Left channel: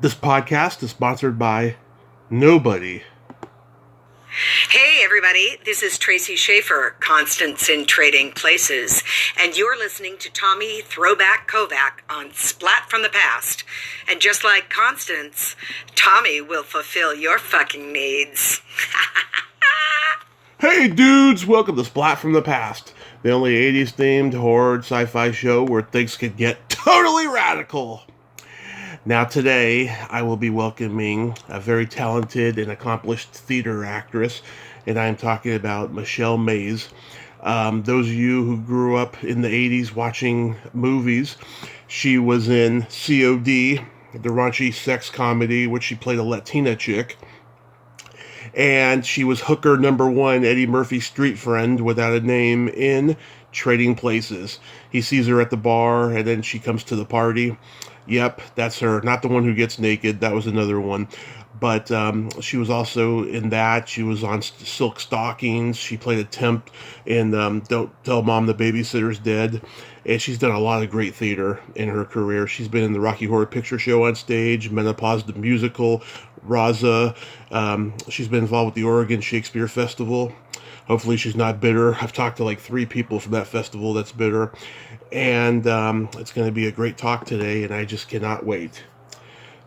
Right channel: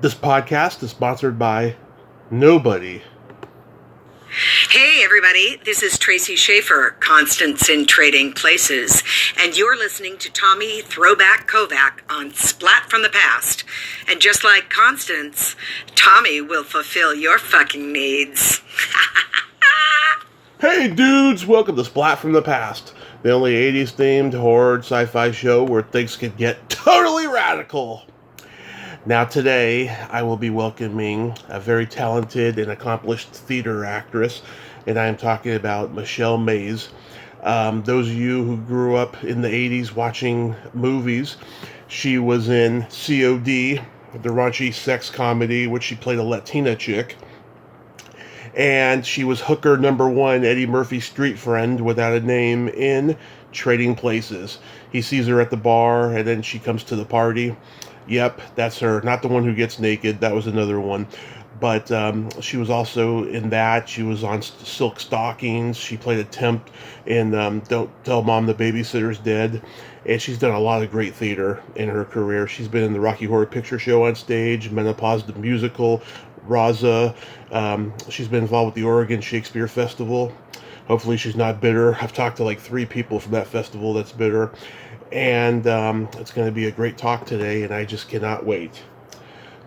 This podcast is sponsored by nobody. Hey, everybody. This is Tracy Schaefer, Constance in Trading Places, and you're listening to Tommy Throwback Kovac on Splat from the Past. And just like Constance, Tommy will fulfill your fucking needs. Hey dudes, welcome to Splat from the Past, the only 80s themed horror sci-fi show where things can get totally radical. Now today, I will be welcoming a very talented and accomplished theater actress, and I'm talking about Michele Mais. Those of you who grew up in the 80s watching movies, she was in C.O.D., the raunchy sex comedy, which she played a Latina chick. And she was hooker number one, Eddie Murphy's street friend without a name in Trading Places. He sees her at the bar, and then she comes to the party. Yep, that's her. Not the one who gets naked. That was another one. But she was also in that. She was on Silk Stockings. She played a temp in Don't Tell Mom the Babysitter's Dead. And she's done a lot of great theater in her career. She's been in the Rocky Horror Picture Show on stage, Menopause the Musical, Raza. She's been involved with the Oregon Shakespeare Festival. Hopefully she's not bitter. I've talked to like 3 people from that festival that's bitter. And it's going to be a great talk today, and I just cannot wait.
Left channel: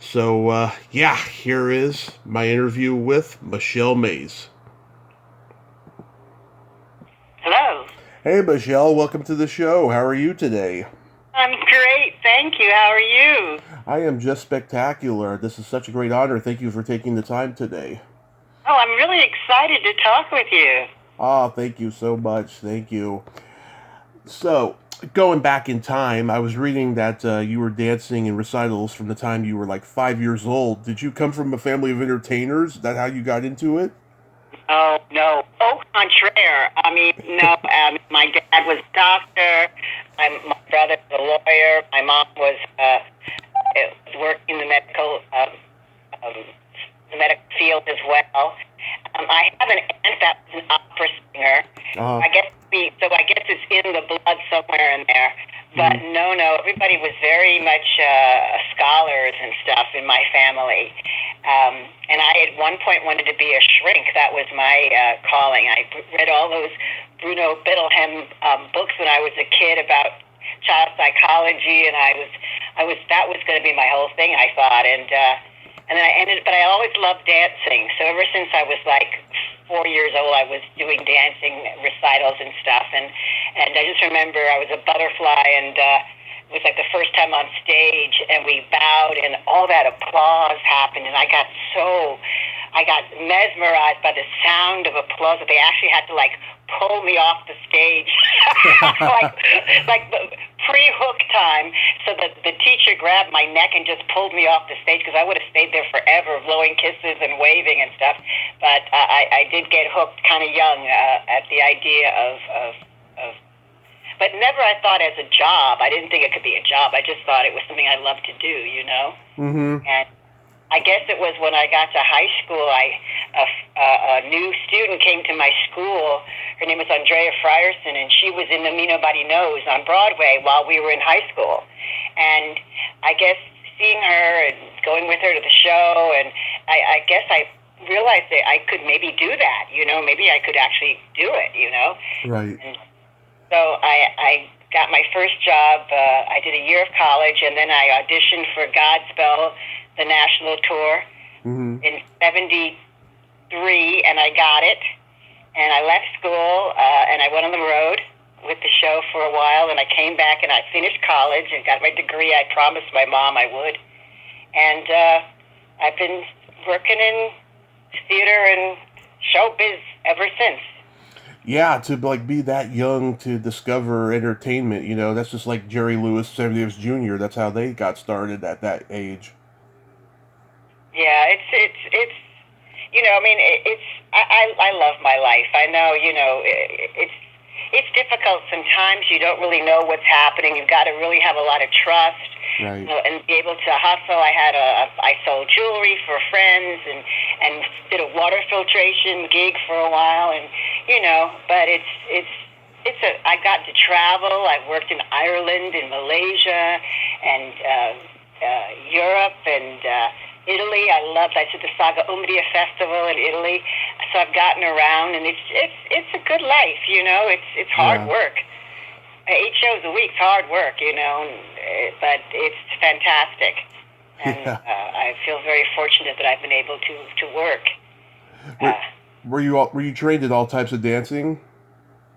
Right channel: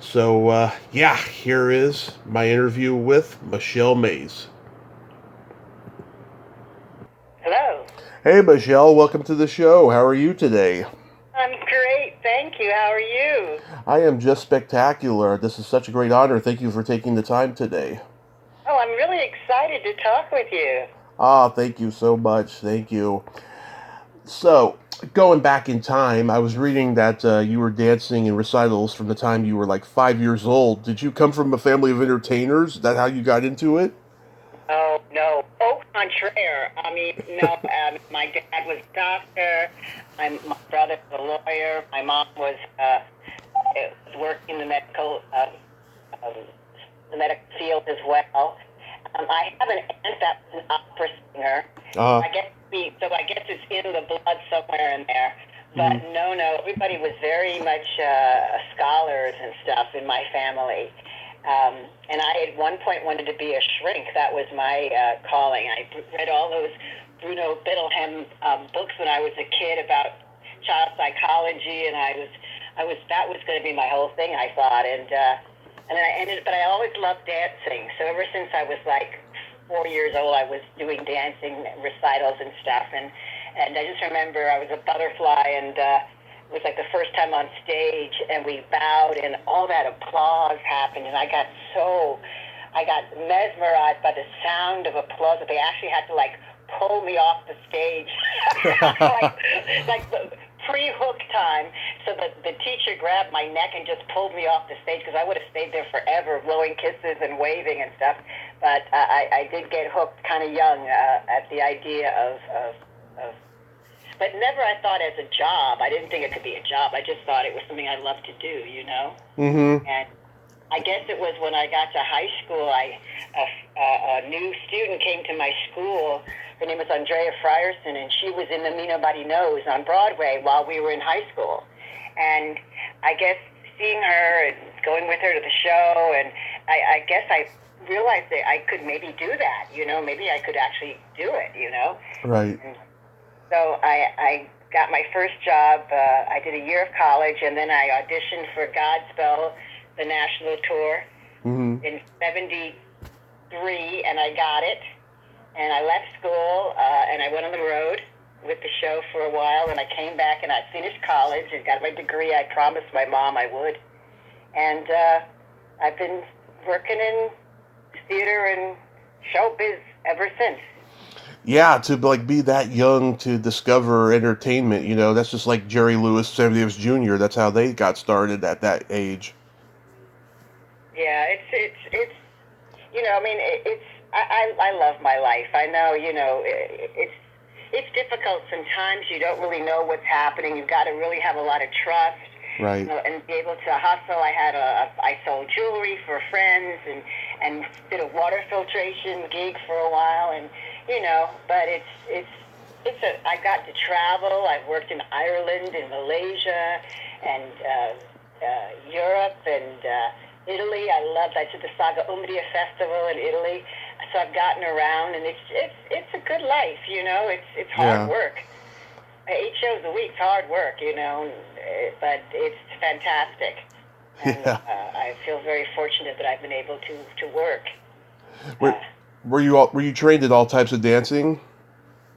So, here is my interview with Michele Mais. Hello. Hey, Michele, welcome to the show. How are you today? I'm great. Thank you. How are you? I am just spectacular. This is such a great honor. Thank you for taking the time today. Oh, I'm really excited to talk with you. Ah, thank you so much. Thank you. So, going back in time, I was reading that you were dancing in recitals from the time you were like 5 years old. Did you come from a family of entertainers? Is that how you got into it? Oh, no. Au contraire. I mean, no. My dad was a doctor. My brother was a lawyer. My mom was working in the medical field as well. I have an aunt that was an opera singer. Uh, I guess it's in the blood somewhere in there. But no, everybody was very much scholars and stuff in my family. And I at one point wanted to be a shrink. That was my calling. I read all those Bruno Biddleham books when I was a kid about child psychology, and that was going to be my whole thing, I thought. And then but I always loved dancing. So ever since I was like 4 years old, I was doing dancing recitals and stuff. And I just remember I was a butterfly, and it was like the first time on stage, and we bowed, and all that applause happened, and I got mesmerized by the sound of applause that they actually had to like pull me off the stage, like the pre-hook time, so that the teacher grabbed my neck and just pulled me off the stage, because I would have stayed there forever, blowing kisses and waving and stuff. But I did get hooked kind of young at the idea of but never I thought as a job. I didn't think it could be a job. I just thought it was something I loved to do, you know? mm-hmm. And I guess it was when I got to high school, a new student came to my school. Her name was Andrea Frierson, and she was in the Me Nobody Knows on Broadway while we were in high school. And I guess seeing her and going with her to the show, and I guess I realized that I could maybe do that, you know? Maybe I could actually do it, you know? Right. And so I got my first job. I did a year of college, and then I auditioned for Godspell, the national tour, in '73, and I got it. And I left school, and I went on the road with the show for a while, and I came back, and I finished college and got my degree. I promised my mom I would. And I've been working in theater and showbiz ever since. Yeah, to like be that young to discover entertainment, that's just like Jerry Lewis, Sammy Davis Jr. That's how they got started at that age. Yeah, it's I mean, I love my life. I know, it's difficult sometimes. You don't really know what's happening. You've got to really have a lot of trust. Right. And be able to hustle. I sold jewelry for friends and did a water filtration gig for a while, and but I got to travel. I worked in Ireland, in Malaysia, and Europe and Italy. I did the Saga Umbria Festival in Italy. So I've gotten around, and it's a good life, you know. It's hard work. 8 shows a week's hard work, you know, but it's fantastic. And I feel very fortunate that I've been able to work. Were you trained in all types of dancing?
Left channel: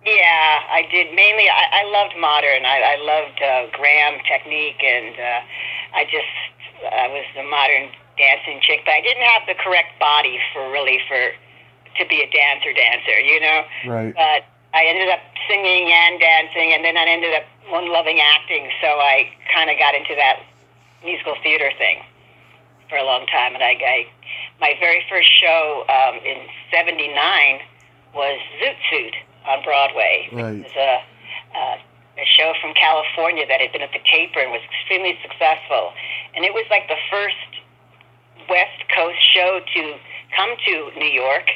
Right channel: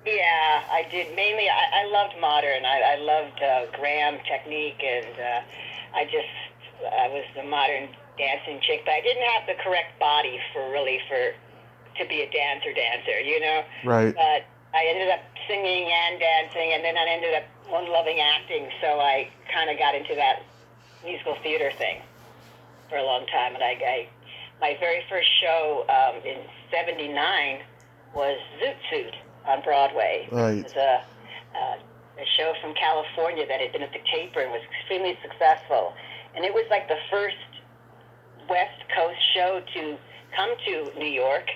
Yeah, I did. Mainly, I loved modern. I loved Graham technique, and I was a modern dancing chick. But I didn't have the correct body to be a dancer, you know. Right. But I ended up singing and dancing, and then I ended up loving acting. So I kind of got into that musical theater thing for a long time. And my very first show in '79 was Zoot Suit on Broadway. Right. It was a show from California that had been at the Taper and was extremely successful. And it was like the first West Coast show to come to New York.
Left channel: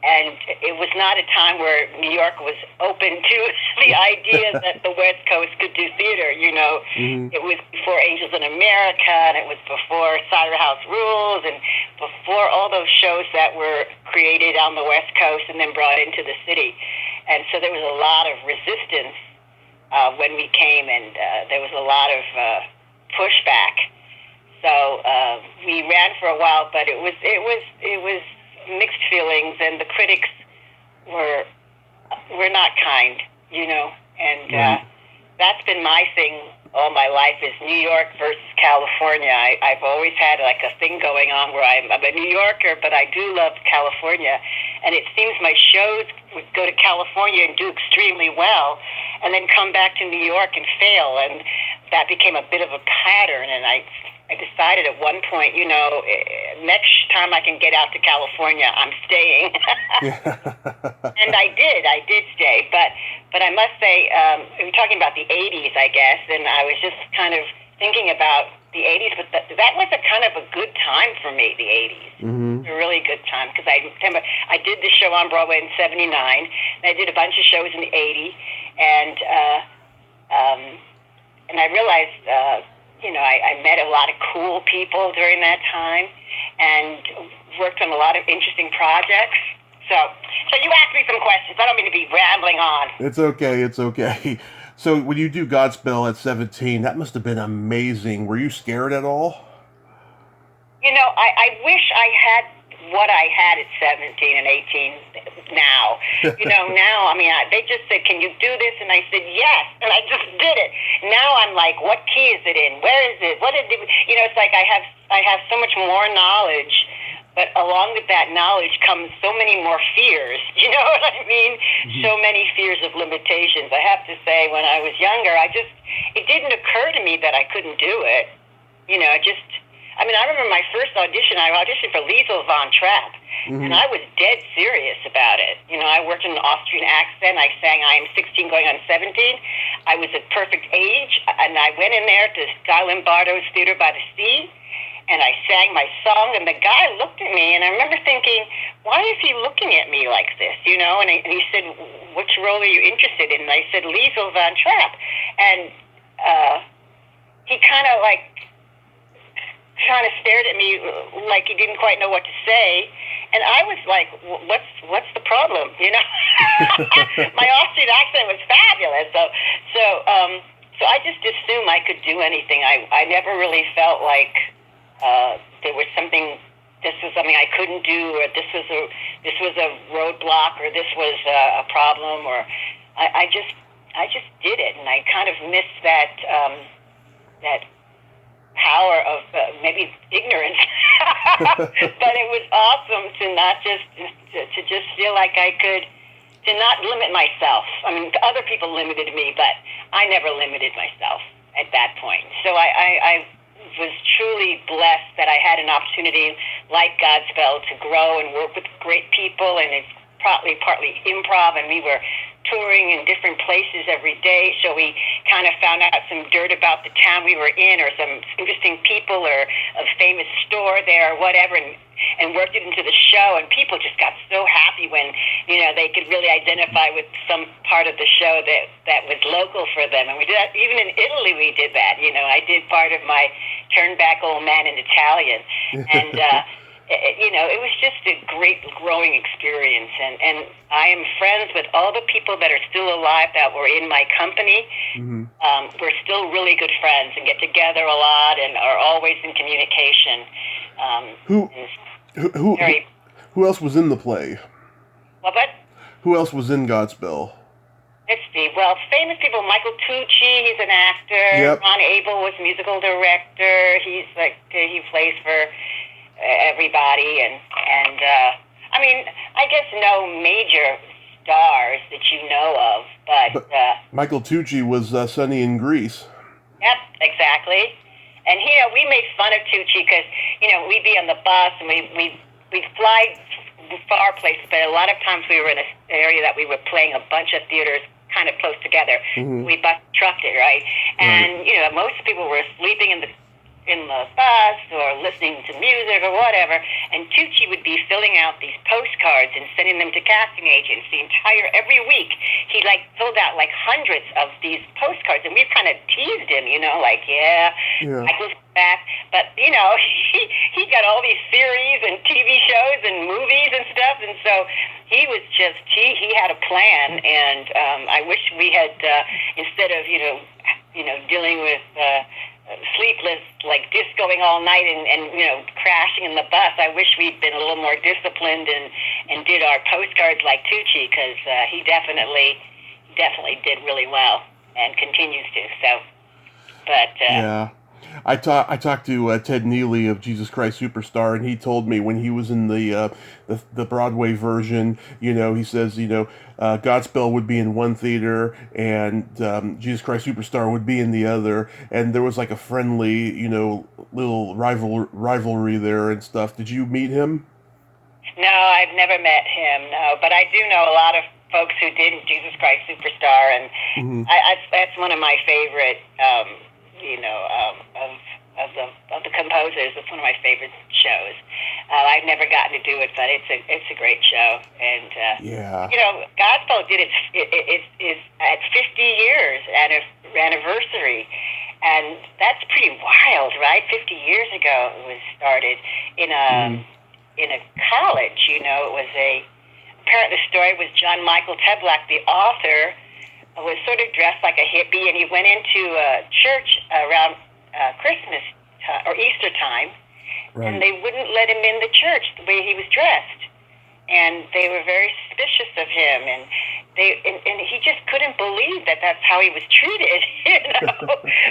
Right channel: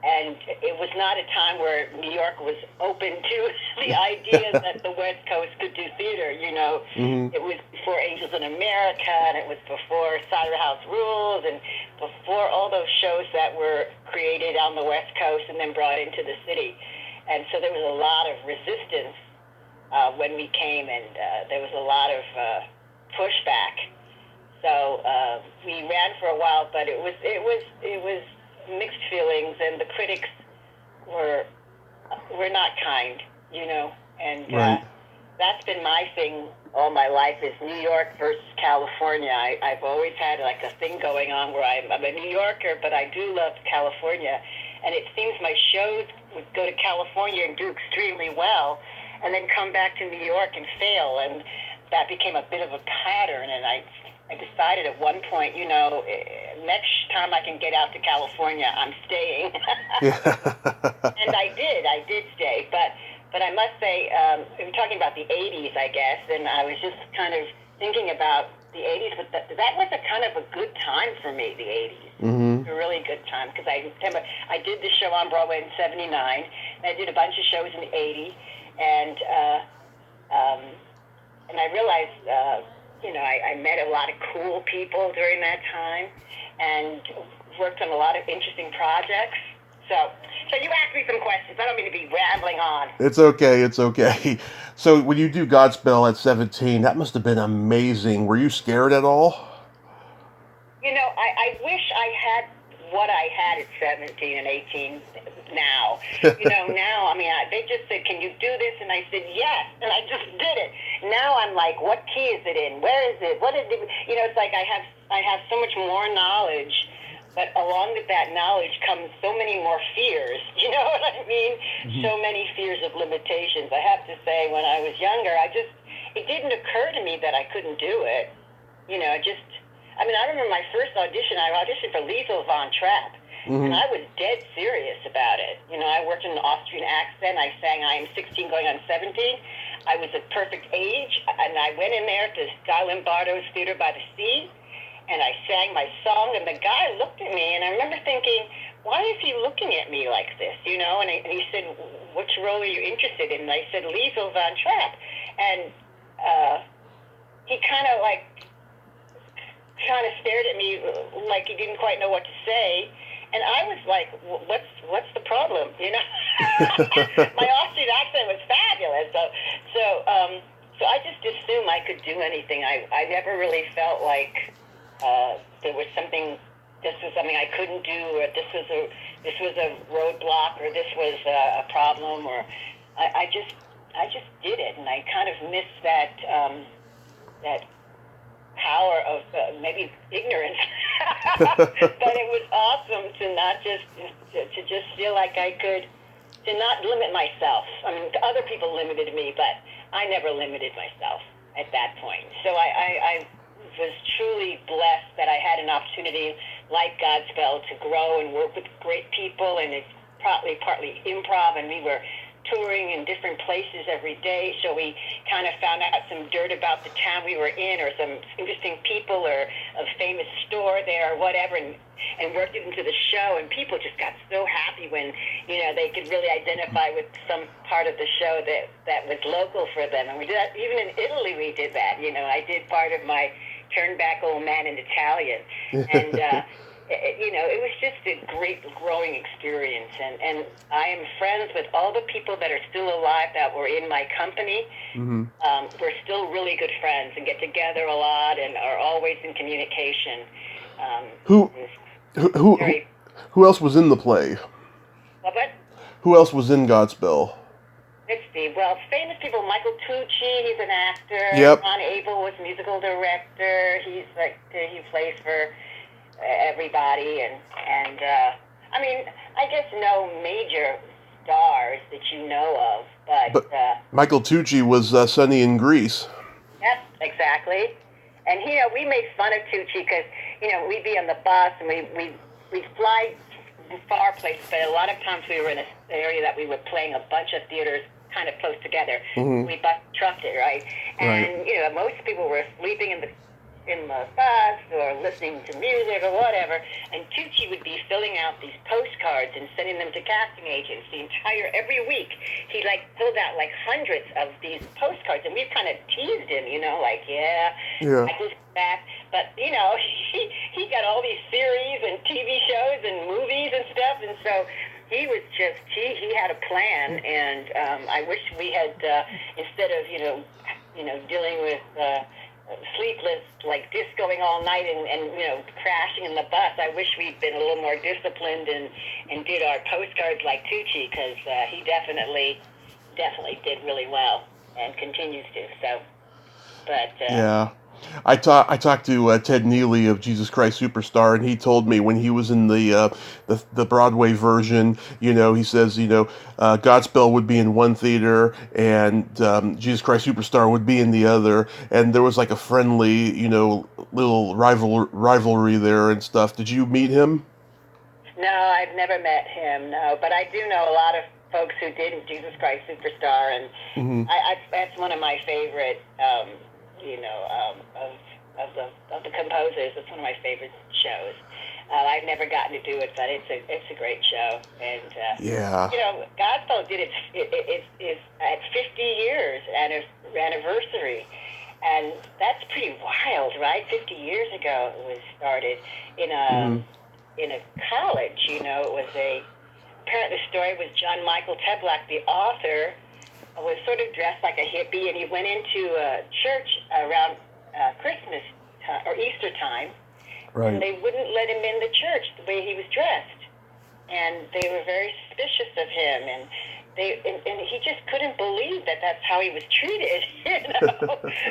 And it was not a time where New York was open to the idea that the West Coast could do theater, you know. Mm-hmm. It was before Angels in America, and it was before Cider House Rules, and before all those shows that were created on the West Coast and then brought into the city. And so there was a lot of resistance when we came, and there was a lot of pushback. So we ran for a while, but it was mixed feelings, and the critics were not kind, you know. And right. That's been my thing all my life, is New York versus California. I've always had like a thing going on where I'm a New Yorker, but I do love California. And it seems my shows would go to California and do extremely well, and then come back to New York and fail. And that became a bit of a pattern. And I decided at one point, you know, next time I can get out to California, I'm staying. And I did stay. But I must say, we were talking about the 80s, I guess, and I was just kind of thinking about the 80s, but that was a kind of a good time for me, the 80s. Mm-hmm. A really good time, because I remember I did the show on Broadway in '79, and I did a bunch of shows in '80, and I realized, you know, I met a lot of cool people during that time, and worked on a lot of interesting projects. So you asked me some questions. I don't mean to be rambling on. It's okay. So when you do Godspell at 17, that must have been amazing. Were you scared at all? You know, I wish I had what I had at 17 and 18 now. You know, now, I mean, they just said, can you do this? And I said, yes. And I just did it. Now I'm like, what key is it in? Where is it? What is it? You know, it's like I have so much more knowledge, but along with that knowledge comes so many more fears. You know what I mean? Mm-hmm. So many fears of limitations. I have to say, when I was younger, it didn't occur to me that I couldn't do it. You know, I remember my first audition, I auditioned for Liesl von Trapp, mm-hmm. and I was dead serious about it. You know, I worked in an Austrian accent. I sang I Am 16 Going on 17. I was at perfect age, and I went in there to Guy Lombardo's Theater by the Sea, and I sang my song, and the guy looked at me, and I remember thinking, why is he looking at me like this, you know? And he said, which role are you interested in? And I said, Liesl von Trapp. And he kind of stared at me like he didn't quite know what to say, and I was like, "What's the problem?" You know, my Austrian accent was fabulous, so I just assumed I could do anything. I never really felt like there was something. This was something I couldn't do, or this was a roadblock, or this was a problem, or I just did it, and I kind of missed that power of maybe ignorance, but it was awesome to not just feel like I could, to not limit myself. I mean, other people limited me, but I never limited myself at that point. So I was truly blessed that I had an opportunity like Godspell to grow and work with great people, and it's partly improv, and we were touring in different places every day, so we kind of found out some dirt about the town we were in, or some interesting people, or a famous store there, or whatever, and worked it into the show. And people just got so happy when, they could really identify with some part of the show that was local for them. And we did that. Even in Italy, we did that. I did part of my Turn Back Old Man in Italian. And, it was just a great growing experience. And I am friends with all the people that are still alive that were in my company. Mm-hmm. We're still really good friends and get together a lot and are always in communication. Who else was in the play? What? Who else was in Godspell? Let's see. Well, famous people. Michael Tucci, he's an actor. Yep. Ron Abel was musical director. He plays for everybody, and I guess no major stars that you know of, but Michael Tucci was Sonny in Grease. Yep, exactly. And we made fun of Tucci because we'd be on the bus and we'd fly far places, but a lot of times we were in an area that we were playing a bunch of theaters kind of close together. Mm-hmm. We bus trucked it, right? And most people were sleeping in the bus or listening to music or whatever, and Tucci would be filling out these postcards and sending them to casting agents every week. He filled out hundreds of these postcards, and we kind of teased him, Michael's back. But he got all these series and TV shows and movies and stuff, and so he was he had a plan, and I wish we had instead of dealing with sleepless, discoing all night and crashing in the bus. I wish we'd been a little more disciplined and did our postcards like Tucci, because he definitely did really well and continues to. So, but yeah. I talked to Ted Neely of Jesus Christ Superstar, and he told me when he was in the Broadway version, he says, Godspell would be in one theater and Jesus Christ Superstar would be in the other, and there was a friendly, little rivalry there and stuff. Did you meet him? No, I've never met him. No, but I do know a lot of folks who did Jesus Christ Superstar, and mm-hmm. That's one of my favorite. Of the composers, it's one of my favorite shows. I've never gotten to do it, but it's a great show. And Godspell did its at 50 years anniversary, and that's pretty wild, right? 50 years ago it was started in a college. It was apparently the story was John Michael Teblack, the author, was sort of dressed like a hippie, and he went into a church around Christmas or Easter time, right. And they wouldn't let him in the church the way he was dressed, and they were very suspicious of him, and he just couldn't believe that that's how he was treated,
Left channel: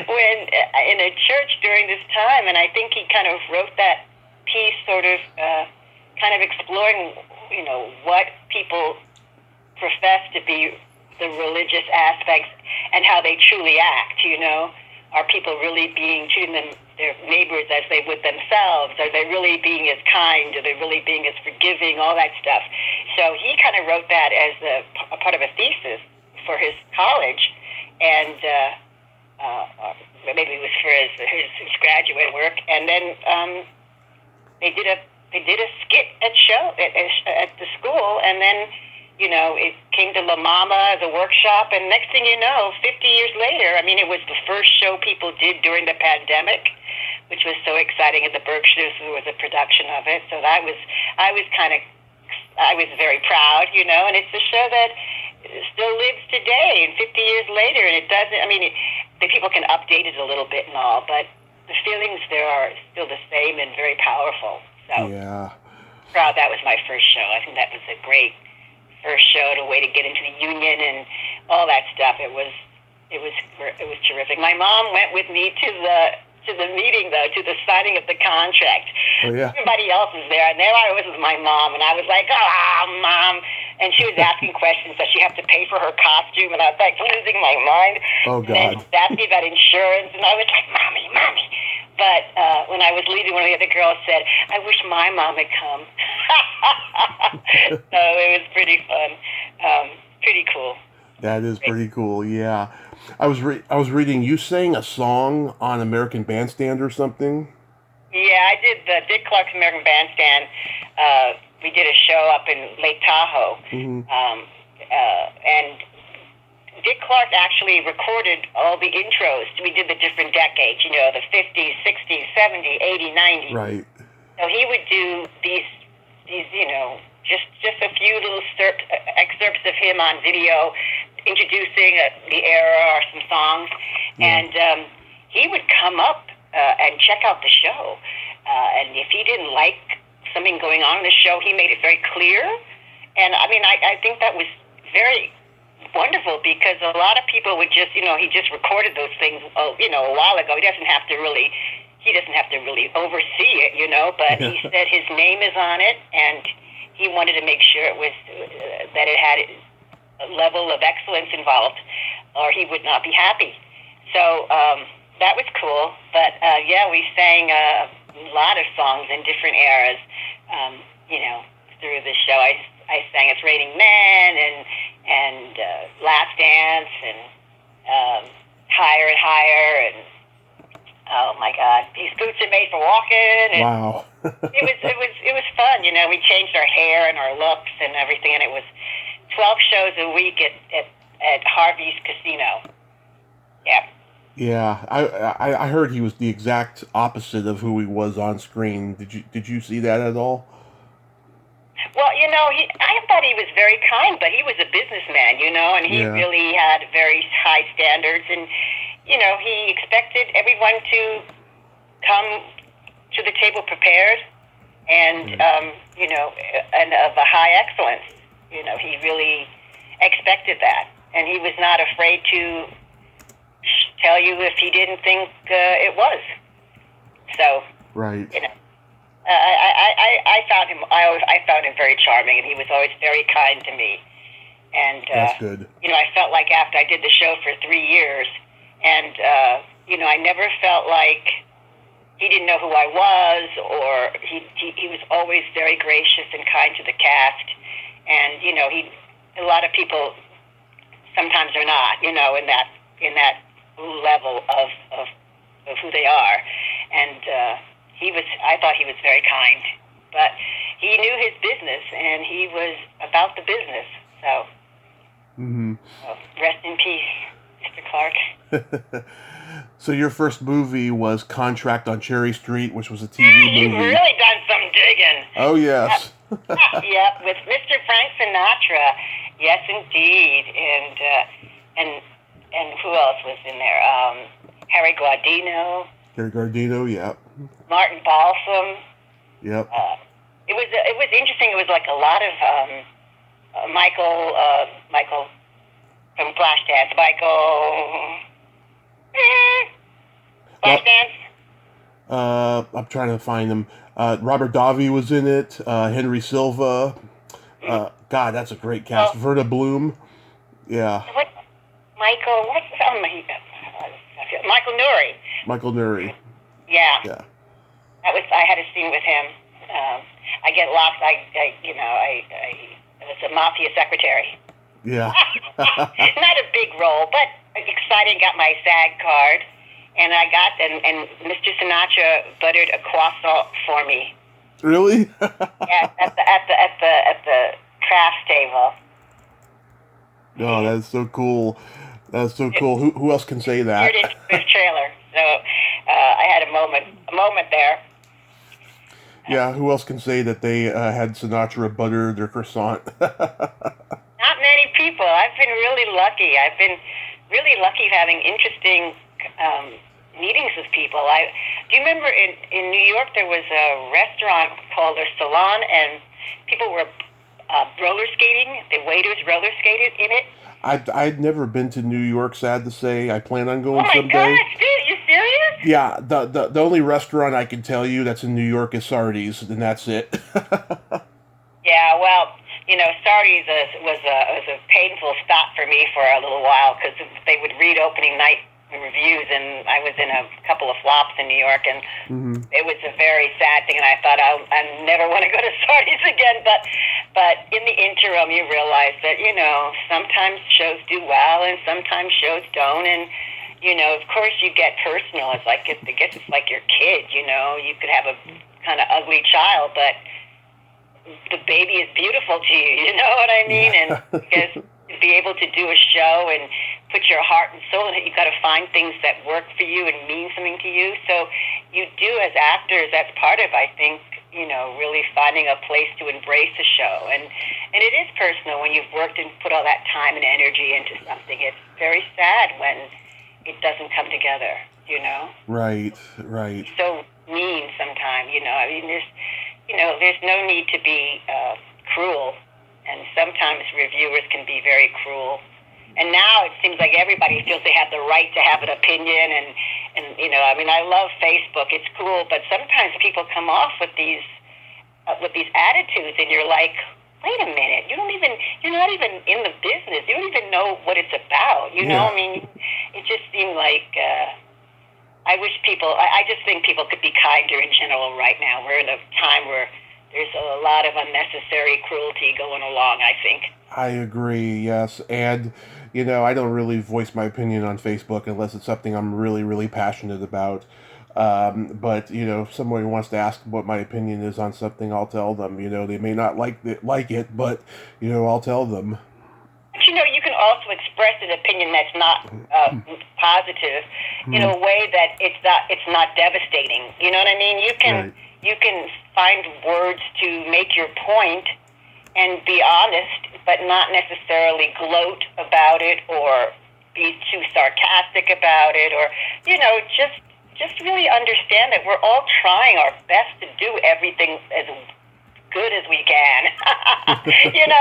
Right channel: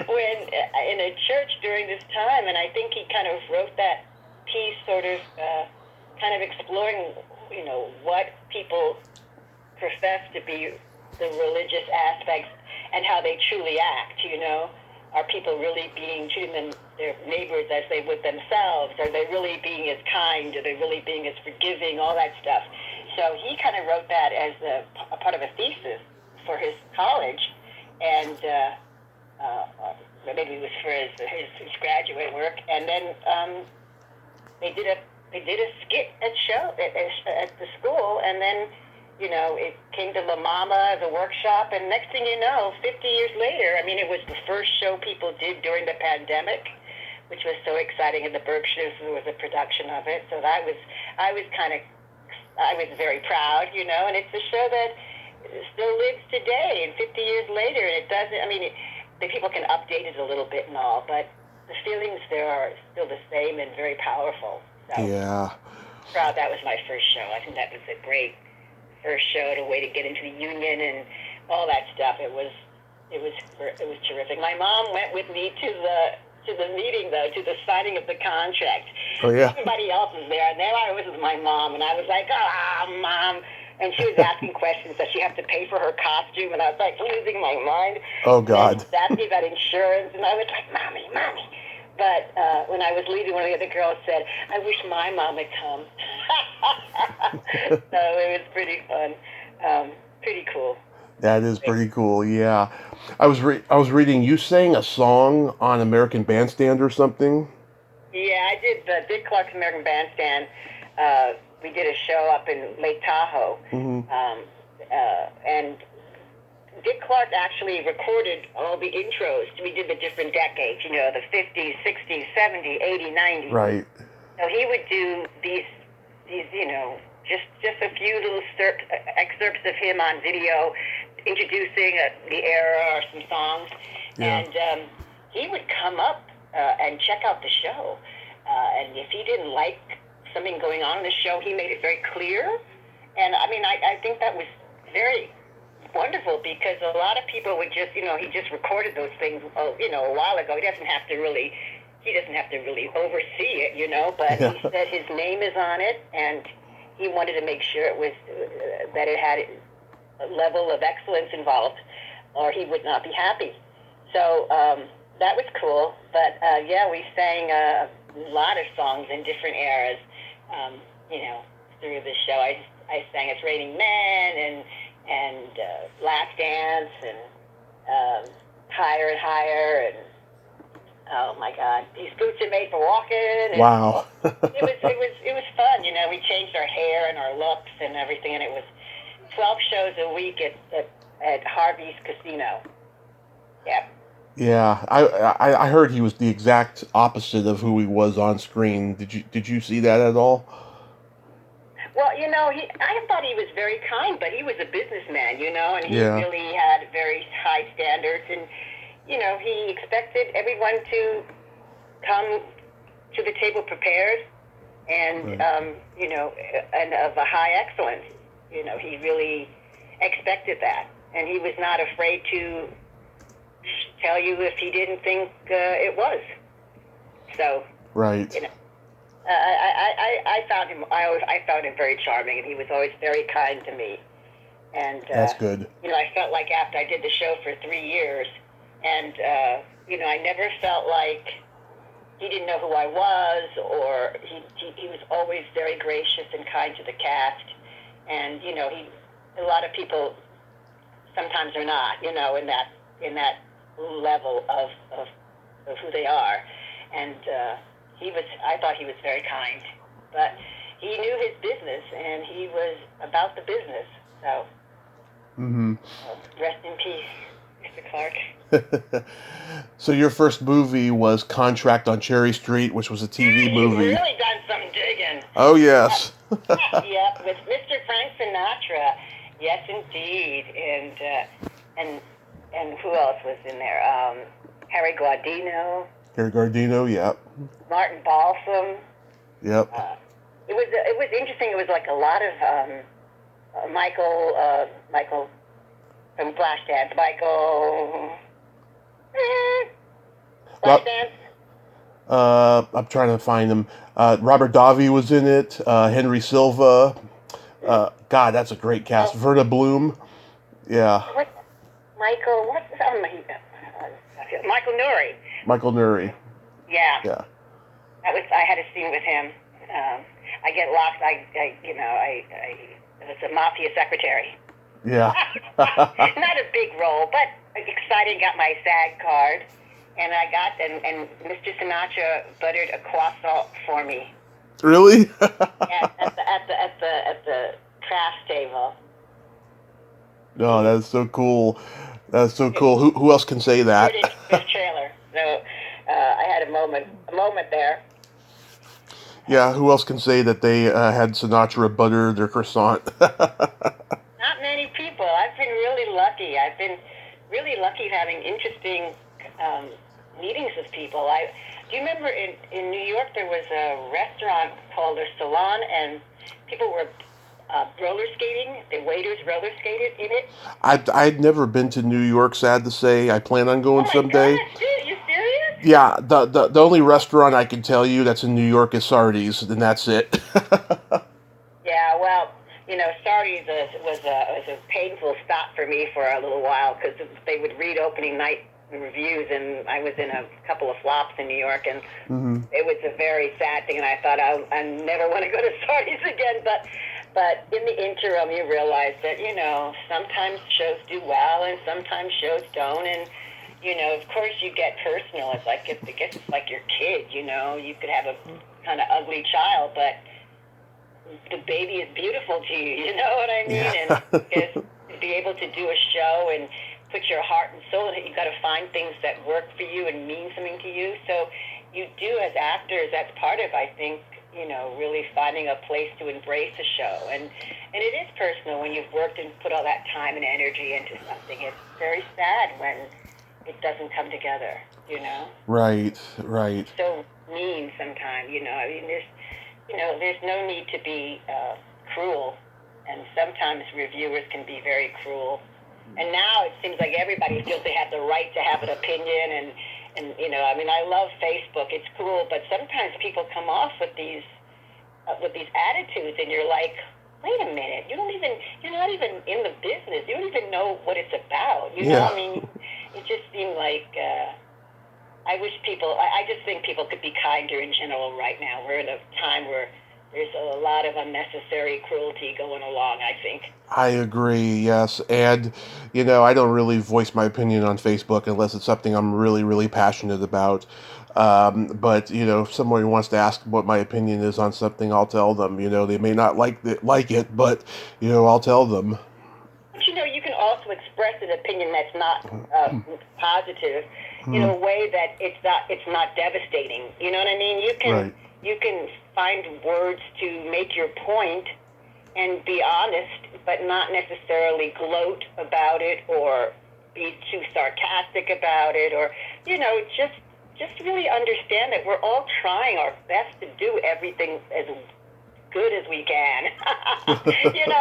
when in a church during this time. And I think he kind of wrote that piece sort of kind of exploring, what people profess to be the religious aspects and how they truly act. Are people really treating their neighbors as they would themselves? Are they really being as kind? Are they really being as forgiving? All that stuff. So he kind of wrote that as a part of a thesis for his college, and maybe it was for his graduate work. And then they did a skit at the school, and then it came to La Mama as a workshop, and next thing you know, 50 years later, it was the first show people did during the pandemic, which was so exciting, and the Berkshires was a production of it. So I was very proud, and it's a show that still lives today, and 50 years later, and it doesn't, the people can update it a little bit and all, but the feelings there are still the same and very powerful. So yeah. Proud that was my first show. I think that was a great first show, a way to get into the union and all that stuff. It was terrific. My mom went with me to the meeting, though, to the signing of the contract. Oh yeah. Everybody else was there, and there I was with my mom, and I was like, Mom. And she was asking questions. Does she have to pay for her costume? And I was like losing my mind. Oh God. And she asked me about insurance, and I was like, Mommy. But when I was leaving, one of the other girls said, I wish my mom had come. So it was pretty fun. Pretty cool. That is pretty cool. Yeah, I was reading you sang a song on American Bandstand or something. Yeah, I did the Dick Clark's American Bandstand. We did a show up in Lake Tahoe, Hmm. and Dick Clark actually recorded all the intros. We did the different decades, the 50s, 60s, 70s, 80s, 90s. Right. So he would do these just a few little excerpts of him on video, introducing the era or some songs, Yeah. and he would come up and check out the show. And if he didn't like something going on in the show, he made it very clear. And I mean, I think that was very wonderful because a lot of people would just, he just recorded those things, a while ago. He doesn't have to really oversee it, but he said his name is on it, and he wanted to make sure it was that it had a level of excellence involved, or he would not be happy. So that was cool. But yeah, we sang a lot of songs in different eras, through the show. I sang "It's Raining Men" and "Last Dance" and "Higher and Higher" and oh my God, "These Boots Are Made for Walking." And Wow. it was fun. We changed our hair and our looks and everything, and it was 12 shows a week at Harvey's Casino. Yeah. Yeah, I heard he was the exact opposite of who he was on screen. Did you see that at all? Well, I thought he was very kind, but he was a businessman, and he Yeah. really had very high standards, and he expected everyone to come to the table prepared and Right. and of a high excellence. He really expected that, and he was not afraid to tell you if he didn't think it was. So, Right. I found him. I found him very charming, and he was always very kind to me. And That's good. I felt like after I did the show for 3 years, and I never felt like he didn't know who I was, or he was always very gracious and kind to the cast. And a lot of people sometimes are not, in that level of who they are. And I thought he was very kind, but he knew his business, and he was about the business. So, Hmm. rest in peace, Mr. Clark. So your first movie was Contract on Cherry Street, which was a TV You've movie. really done some digging. Oh yes. Yep, with Mr. Frank Sinatra. Yes, indeed. And who else was in there? Harry Guardino, Gary Gardino. Yep. Martin Balsam. Yep. It was interesting. It was like a lot of Michael from Flashdance. Well, Flashdance. I'm trying to find him. Robert Davi was in it. Henry Silva. God, that's a great cast. Verna Bloom. Yeah. What? Michael? What's Michael Nuri? Michael Nuri. Yeah. Yeah. I had a scene with him. I get lost. I was a mafia secretary. Yeah. Not a big role, but exciting. Got my SAG card, and and Mr. Sinatra buttered a croissant for me Really? at the craft table. No, that's so cool. That's so cool. Who else can say that? Turned into this trailer. So I had a moment there. Yeah, who else can say that they had Sinatra butter their croissant? Not many people. I've been really lucky. I've been really lucky having interesting meetings with people. Do you remember in New York there was a restaurant called the Salon, and people were roller skating. The waiters roller skated in it. I'd never been to New York, sad to say. I plan on Oh going my someday. gosh, dude, you serious? Yeah, the only restaurant I can tell you that's in New York is Sardi's, and that's it. Yeah, well, Sardi's was a painful stop for me for a little while because they would read opening night reviews, and I was in a couple of flops in New York, and it was a very sad thing. And I thought I never want to go to Sardi's again. But But in the interim, you realize that, sometimes shows do well and sometimes shows don't. And, of course you get personal. It's like, I guess it's like your kid, you could have a kind of ugly child, but the baby is beautiful to you, you know what I mean? Yeah. And because to be able to do a show and put your heart and soul in it, you've got to find things that work for you and mean something to you. So you do, as actors, that's part of, I think, really finding a place to embrace a show. And it is personal when you've worked and put all that time and energy into something. It's very sad when it doesn't come together, Right. It's so mean sometimes, I mean, there's no need to be cruel. And sometimes reviewers can be very cruel. And now it seems like everybody feels they have the right to have an opinion. And I mean, I love Facebook. It's cool. But sometimes people come off with these attitudes, and you're like, wait a minute, you're not even in the business. You don't even know what it's about. I mean, it just seemed like, I just think people could be kinder in general right now. We're in a time where there's a lot of unnecessary cruelty going along, I think. I agree, yes. And, I don't really voice my opinion on Facebook unless it's something I'm really, really passionate about. But, if somebody wants to ask what my opinion is on something, I'll tell them. They may not like it, but, I'll tell them. But, you can also express an opinion that's not positive in a way that it's not devastating. You know what I mean? You can find words to make your point and be honest, but not necessarily gloat about it or be too sarcastic about it, or just really understand that we're all trying our best to do everything as good as we can. I mean,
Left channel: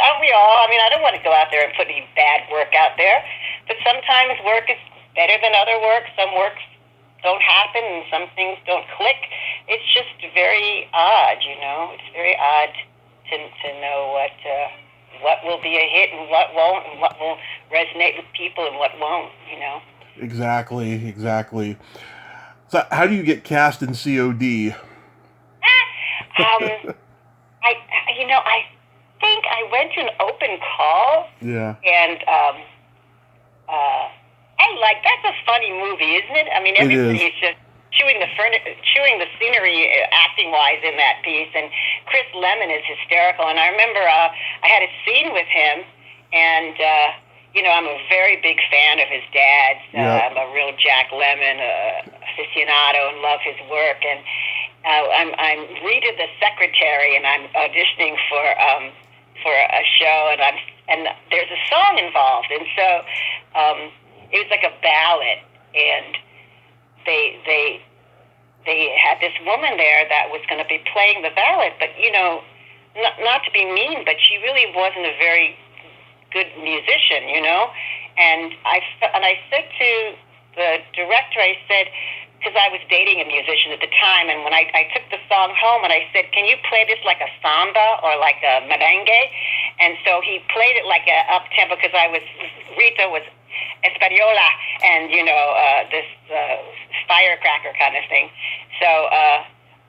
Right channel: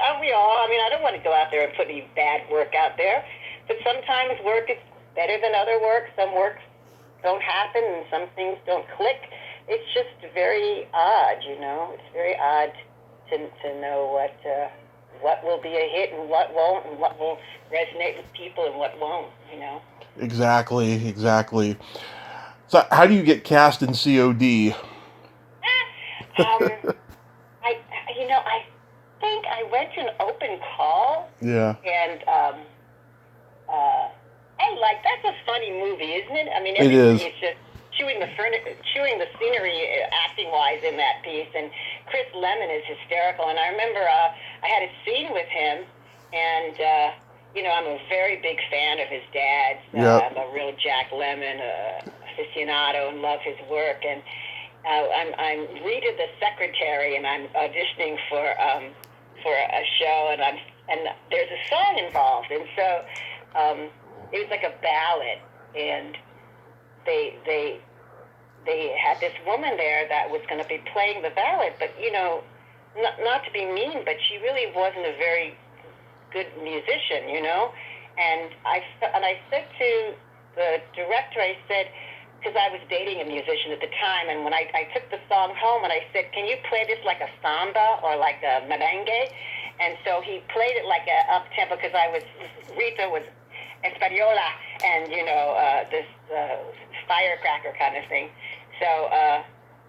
aren't we all? I mean, I don't want to go out there and put any bad work out there, but sometimes work is better than other work. Some works don't happen and some things don't click. It's just very odd, It's very odd to know what will be a hit and what won't, and what will resonate with people and what won't, Exactly. So how do you get cast in C.O.D.? I think I went to an open call. Yeah. And that's a funny movie, isn't it? I mean, it is. Everybody's just chewing the scenery acting-wise in that piece. And Chris Lemmon is hysterical. And I remember I had a scene with him, and I'm a very big fan of his dad. I'm a real Jack Lemmon aficionado and love his work. And I'm Rita the secretary, and I'm auditioning for a show, and there's a song involved, and so it was like a ballad, and they had this woman there that was going to be playing the ballad, but not to be mean, but she really wasn't a very good musician, and I said to the director, I said, because I was dating a musician at the time, and when I took the song home, and I said, can you play this like a samba or like a merengue? And so he played it like a up-tempo, because Rita was Española, and, this firecracker kind of thing. So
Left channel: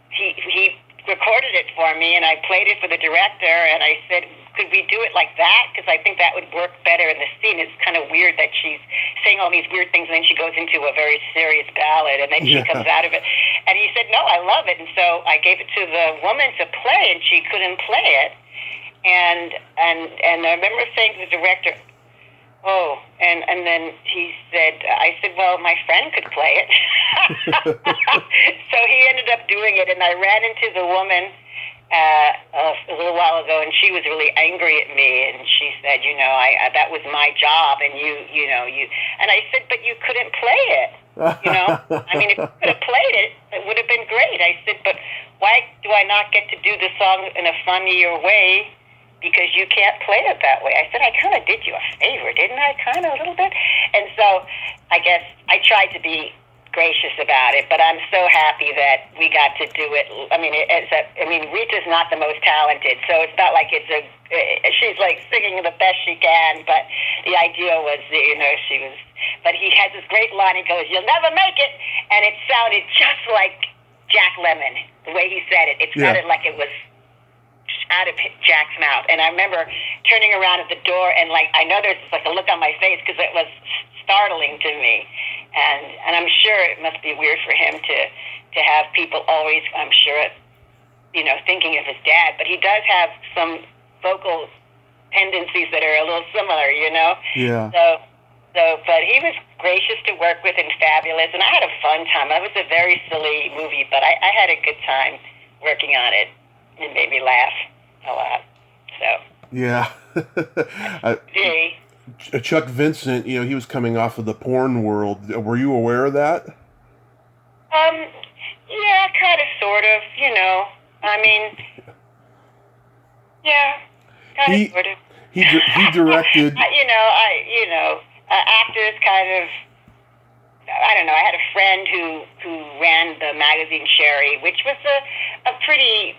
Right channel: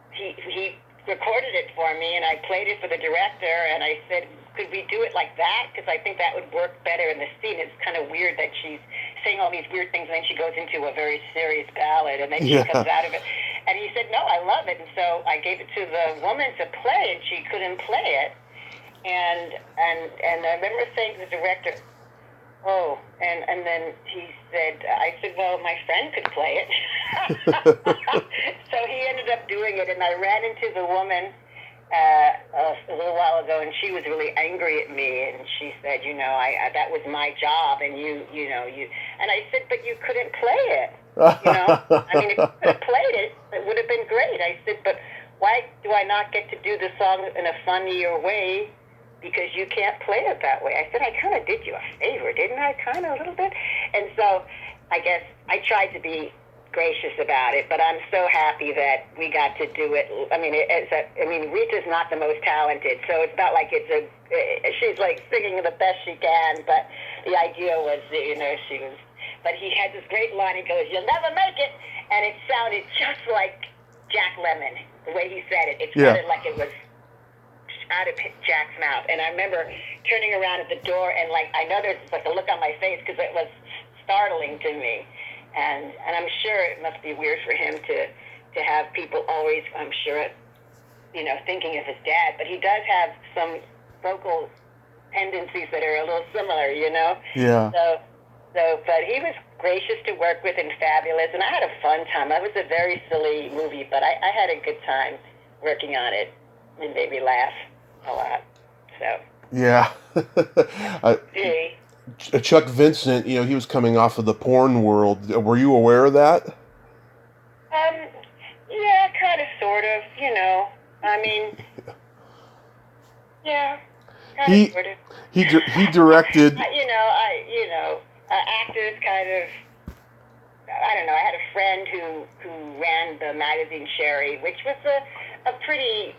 he recorded it for me, and I played it for the director, and I said, could we do it like that? Because I think that would work better in the scene. It's kind of weird that she's saying all these weird things, and then she goes into a very serious ballad, and then she comes out of it. And he said, no, I love it. And so I gave it to the woman to play, and she couldn't play it. And I remember saying to the director, oh, and then he said, I said, well, my friend could play it. So he ended up doing it, and I ran into the woman a little while ago, and she was really angry at me, and she said, that was my job, and you, and I said, but you couldn't play it, I mean, if you could have played it, it would have been great. I said, but why do I not get to do the song in a funnier way? Because you can't play it that way. I said, I kind of did you a favor, didn't I? Kind of a little bit. And so I guess I tried to be gracious about it, but I'm so happy that we got to do it. I mean, Rita's not the most talented, so it's not like she's like singing the best she can, but the idea was, she was, but he has this great line, he goes, you'll never make it, and it sounded just like Jack Lemmon, the way he said it. It sounded like it was how to Jack's mouth. And I remember turning around at the door and like I know there's like a look on my face because it was startling to me, and I'm sure it must be weird for him to have people always, I'm sure, thinking of his dad. But he does have some vocal tendencies that are a little similar, Yeah. But he was gracious to work with and fabulous, and I had a fun time. It was a very silly movie, but I had a good time working on it. It made me laugh a lot. So. Yeah. Gee. Chuck Vincent, he was coming off of the porn world. Were you aware of that? Yeah, kind of, sort of. I mean, yeah, kind of, sort of. He directed. Actors kind of. I don't know. I had a friend who ran the magazine Sherry, which was a pretty,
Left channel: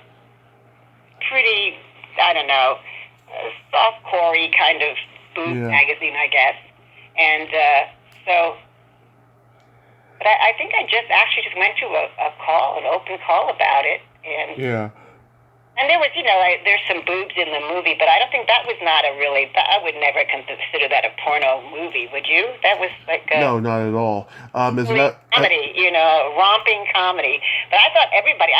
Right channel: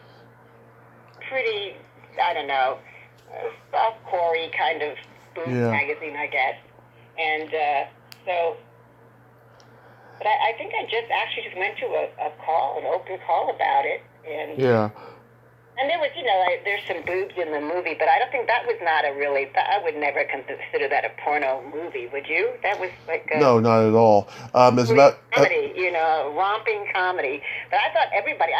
I don't know, soft-core-y kind of boob magazine, I guess. And but I think I just went to an open call about it. And there was, there's some boobs in the movie, but I don't think that was not I would never consider that a porno movie, would you? That was like a... No, not at all. It's about... comedy, romping comedy. But I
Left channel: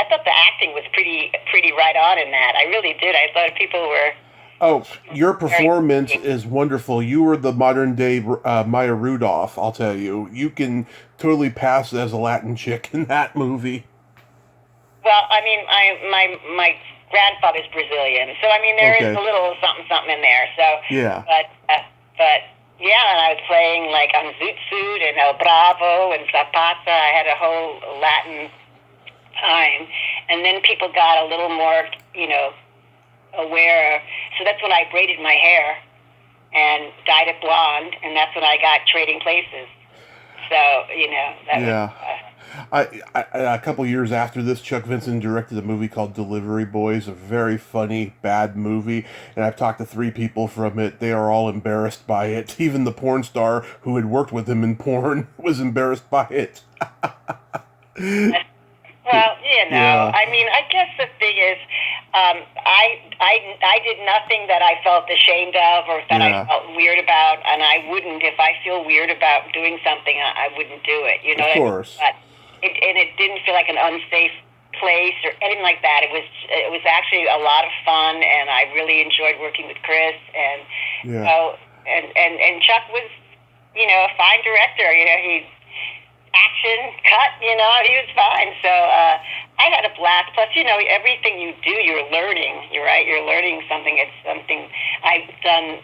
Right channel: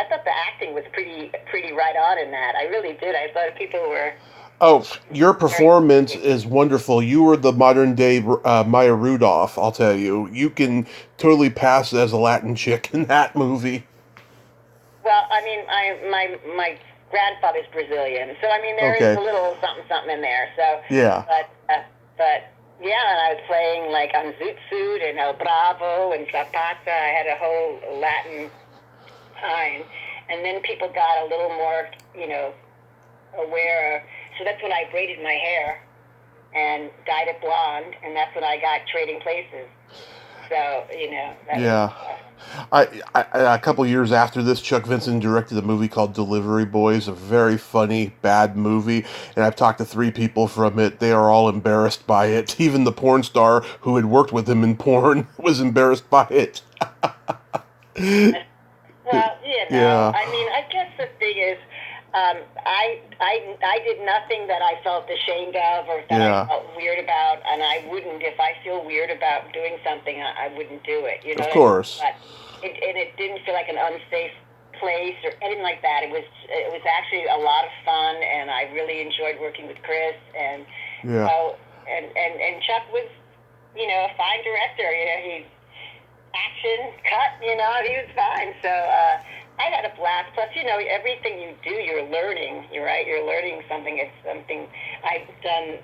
thought the acting was pretty right on in that. I really did. I thought people were... Oh, your performance is wonderful. You were the modern-day Maya Rudolph, I'll tell you. You can totally pass as a Latin chick in that movie. Well, I mean, my grandfather's Brazilian, so I mean there is a little something in there. So yeah, but yeah, and I was playing like on Zoot Suit and El Bravo and Zapata. I had a whole Latin time, and then people got a little more, aware. So that's when I braided my hair and dyed it blonde, and that's when I got Trading Places. So that was, a couple years after this, Chuck Vincent directed a movie called Delivery Boys, a very funny, bad movie, and I've talked to 3 people from it. They are all embarrassed by it. Even the porn star who had worked with him in porn was embarrassed by it. Well, I mean, I guess the thing is, I did nothing that I felt ashamed of or that I felt weird about, and I wouldn't, if I feel weird about doing something, I wouldn't do it. Of course. It didn't feel like an unsafe place or anything like that. It was actually a lot of fun, and I really enjoyed working with Chris, and and Chuck was, a fine director. He action cut, he was fine. So I had a blast. Plus, everything you do, you're learning. You're right. You're learning something. It's something I've done.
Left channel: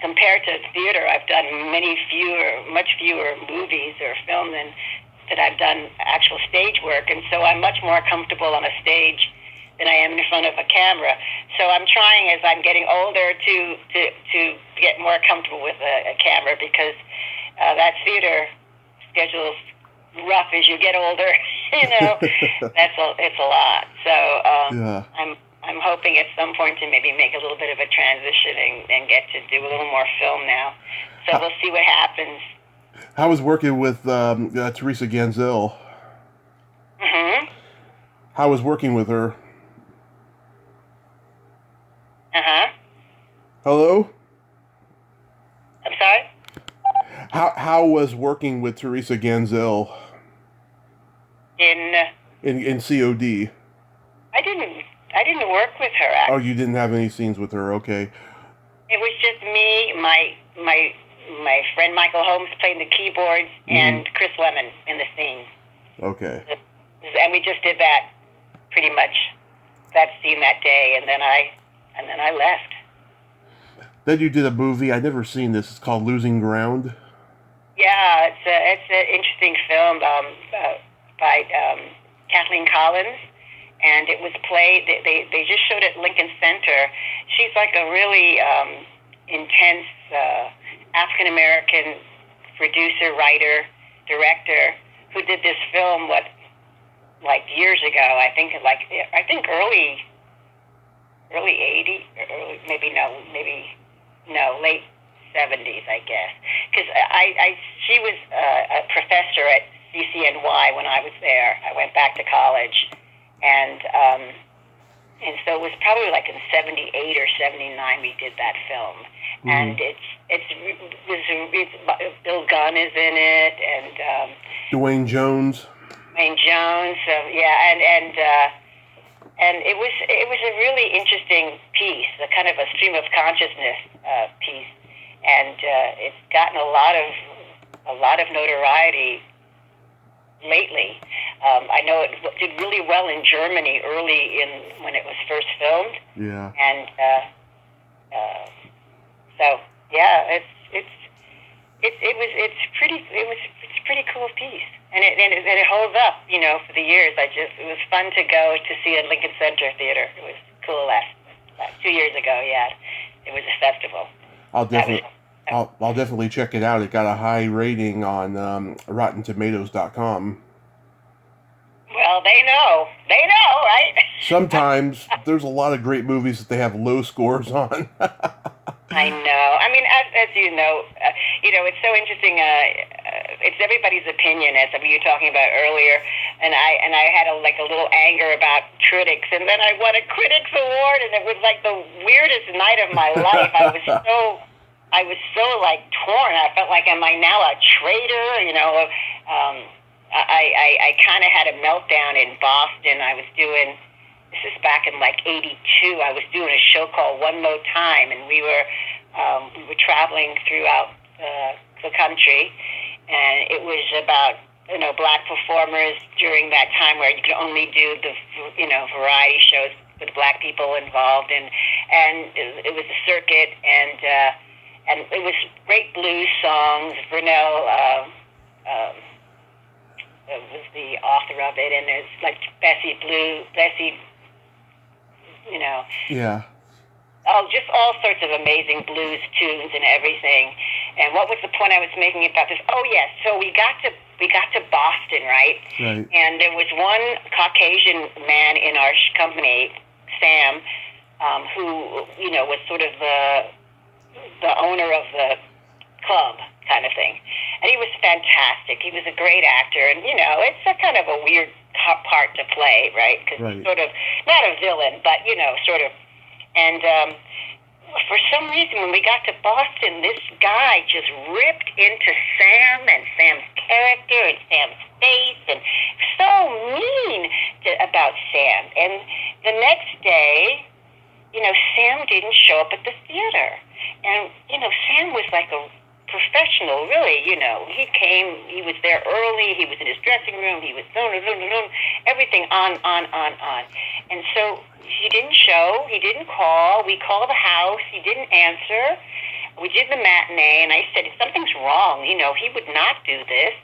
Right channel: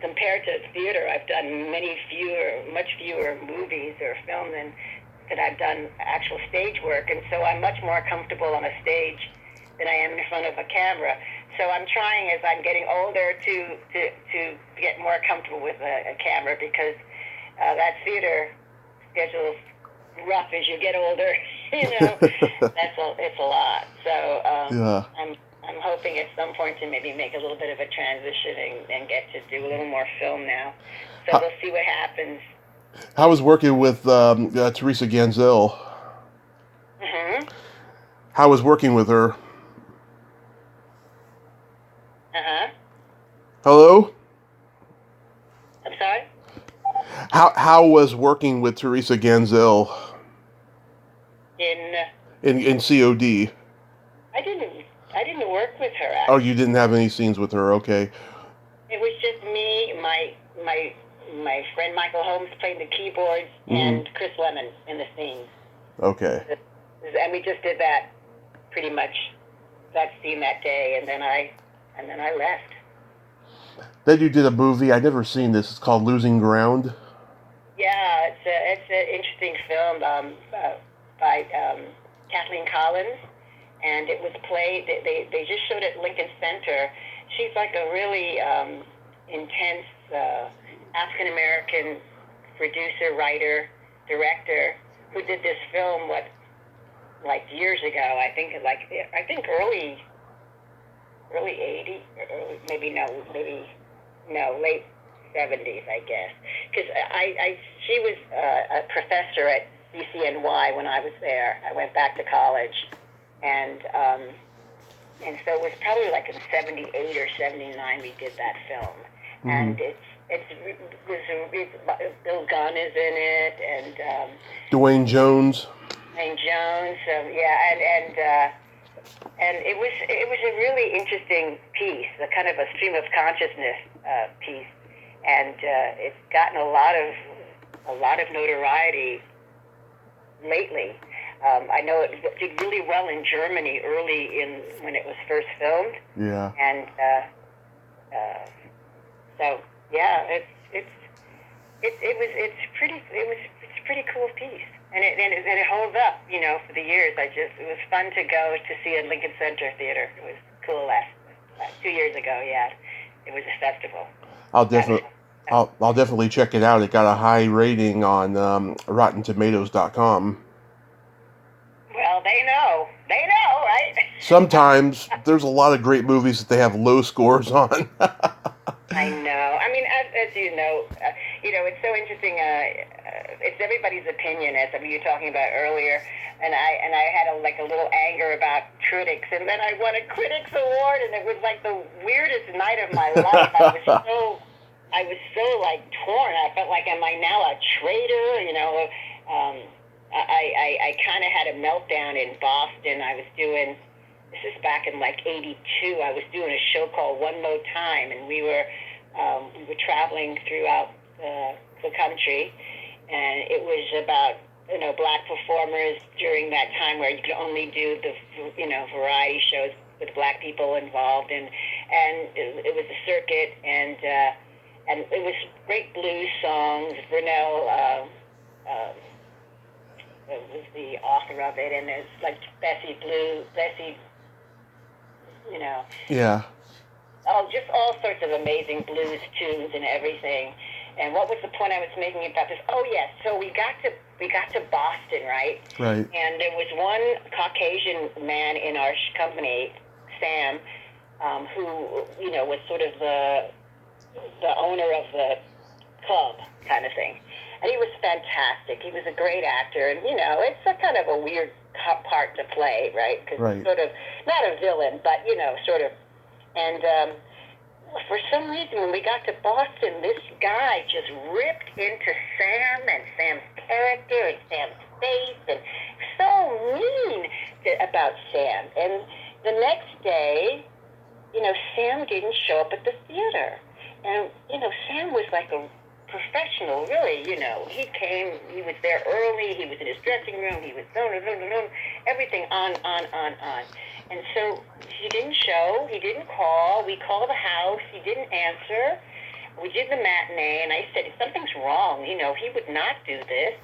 Compared to theater, I've done much fewer movies or film than that I've done actual stage work, and so I'm much more comfortable on a stage than I am in front of a camera. So I'm trying, as I'm getting older, to get more comfortable with a camera, because that theater schedule's rough as you get older. It's a lot. So I'm hoping at some point to maybe make a little bit of a transition and get to do a little more film now. So we'll see what happens. How was working with Teresa Ganzel? Mm-hmm. How was working with her? Uh-huh. Hello? I'm sorry? How was working with Teresa Ganzel? In C.O.D. I didn't work with her, actually. Oh, you didn't have any scenes with her, okay. It was just me, my friend Michael Holmes playing the keyboards, and Chris Lemon in the scene. Okay. And we just did that pretty much, that scene that day, and then I left. Then you did a movie. I'd never seen this. It's called Losing Ground. Yeah, it's an interesting film by Kathleen Collins, and it was played. They just showed it at Lincoln Center. She's like a really intense African American producer, writer, director who did this film like years ago. I think early 80s, late 70s, I guess. Because she was a professor at CCNY when I was there. I went back to college, and so it was probably like in 78 or 79 we did that film. And Bill Gunn is in it, and Dwayne Jones. Dwayne Jones, and it was a really interesting piece, a kind of a stream of consciousness piece, and it's gotten a lot of notoriety lately. I know it did really well in Germany when it was first filmed. Yeah. And so yeah, it's a pretty cool piece, and it holds up, for the years. It was fun to go to see at Lincoln Center Theater. It was cool last 2 years ago. Yeah, it was a festival. I'll definitely check it out. It got a high rating on RottenTomatoes.com. Well, they know, right? Sometimes there's a lot of great movies that they have low scores on. I know. I mean, as you know, it's so interesting. It's everybody's opinion, as you were talking about earlier. And I had a little anger about critics, and then I won a critics award, and it was like the weirdest night of my life. I was so torn. I felt like, am I now a traitor? I kind of had a meltdown in Boston. This is back in 82. I was doing a show called One More Time, and we were traveling throughout the country, and it was about black performers during that time where you could only do the variety shows with black people involved, and it was a circuit, and it was great blues songs. Vernell was the author of it, and there's Bessie. Yeah. Oh, just all sorts of amazing blues tunes and everything. And what was the point I was making about this? Oh, yes. So we got to Boston, right? Right. And there was one Caucasian man in our company, Sam, who was sort of the owner of the club kind of thing. And he was fantastic. He was a great actor, and it's a kind of a weird part to play, right? Because sort of not a villain, but sort of. And for some reason, when we got to Boston, this guy just ripped into Sam and Sam's character and Sam's face, and so mean about Sam. And the next day, Sam didn't show up at the theater, and Sam was like a professional, really. He came, he was there early, he was in his dressing room, he was everything on. And so he didn't show, he didn't call, we called the house, he didn't answer. We did the matinee, and I said, something's wrong, he would not do this.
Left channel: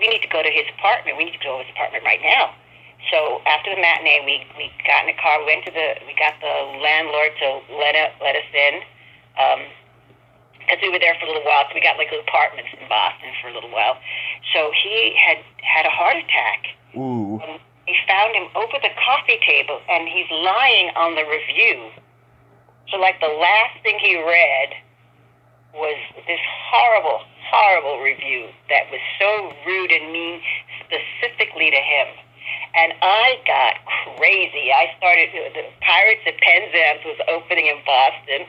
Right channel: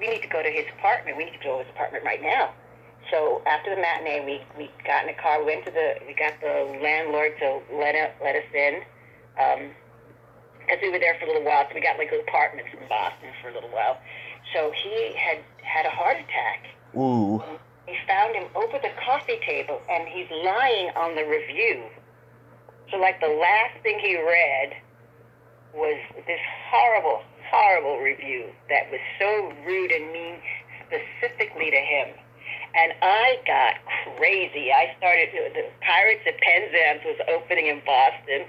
We need to go to his apartment, right now. So after the matinee, we got in the car, we got the landlord to let us in, because we were there for a little while, so we got apartments in Boston for a little while. So he had a heart attack. Ooh. We found him over the coffee table, and he's lying on the review. So the last thing he read was this horrible, horrible review that was so rude and mean specifically to him. And I got crazy. I started, the Pirates at Penzance was opening in Boston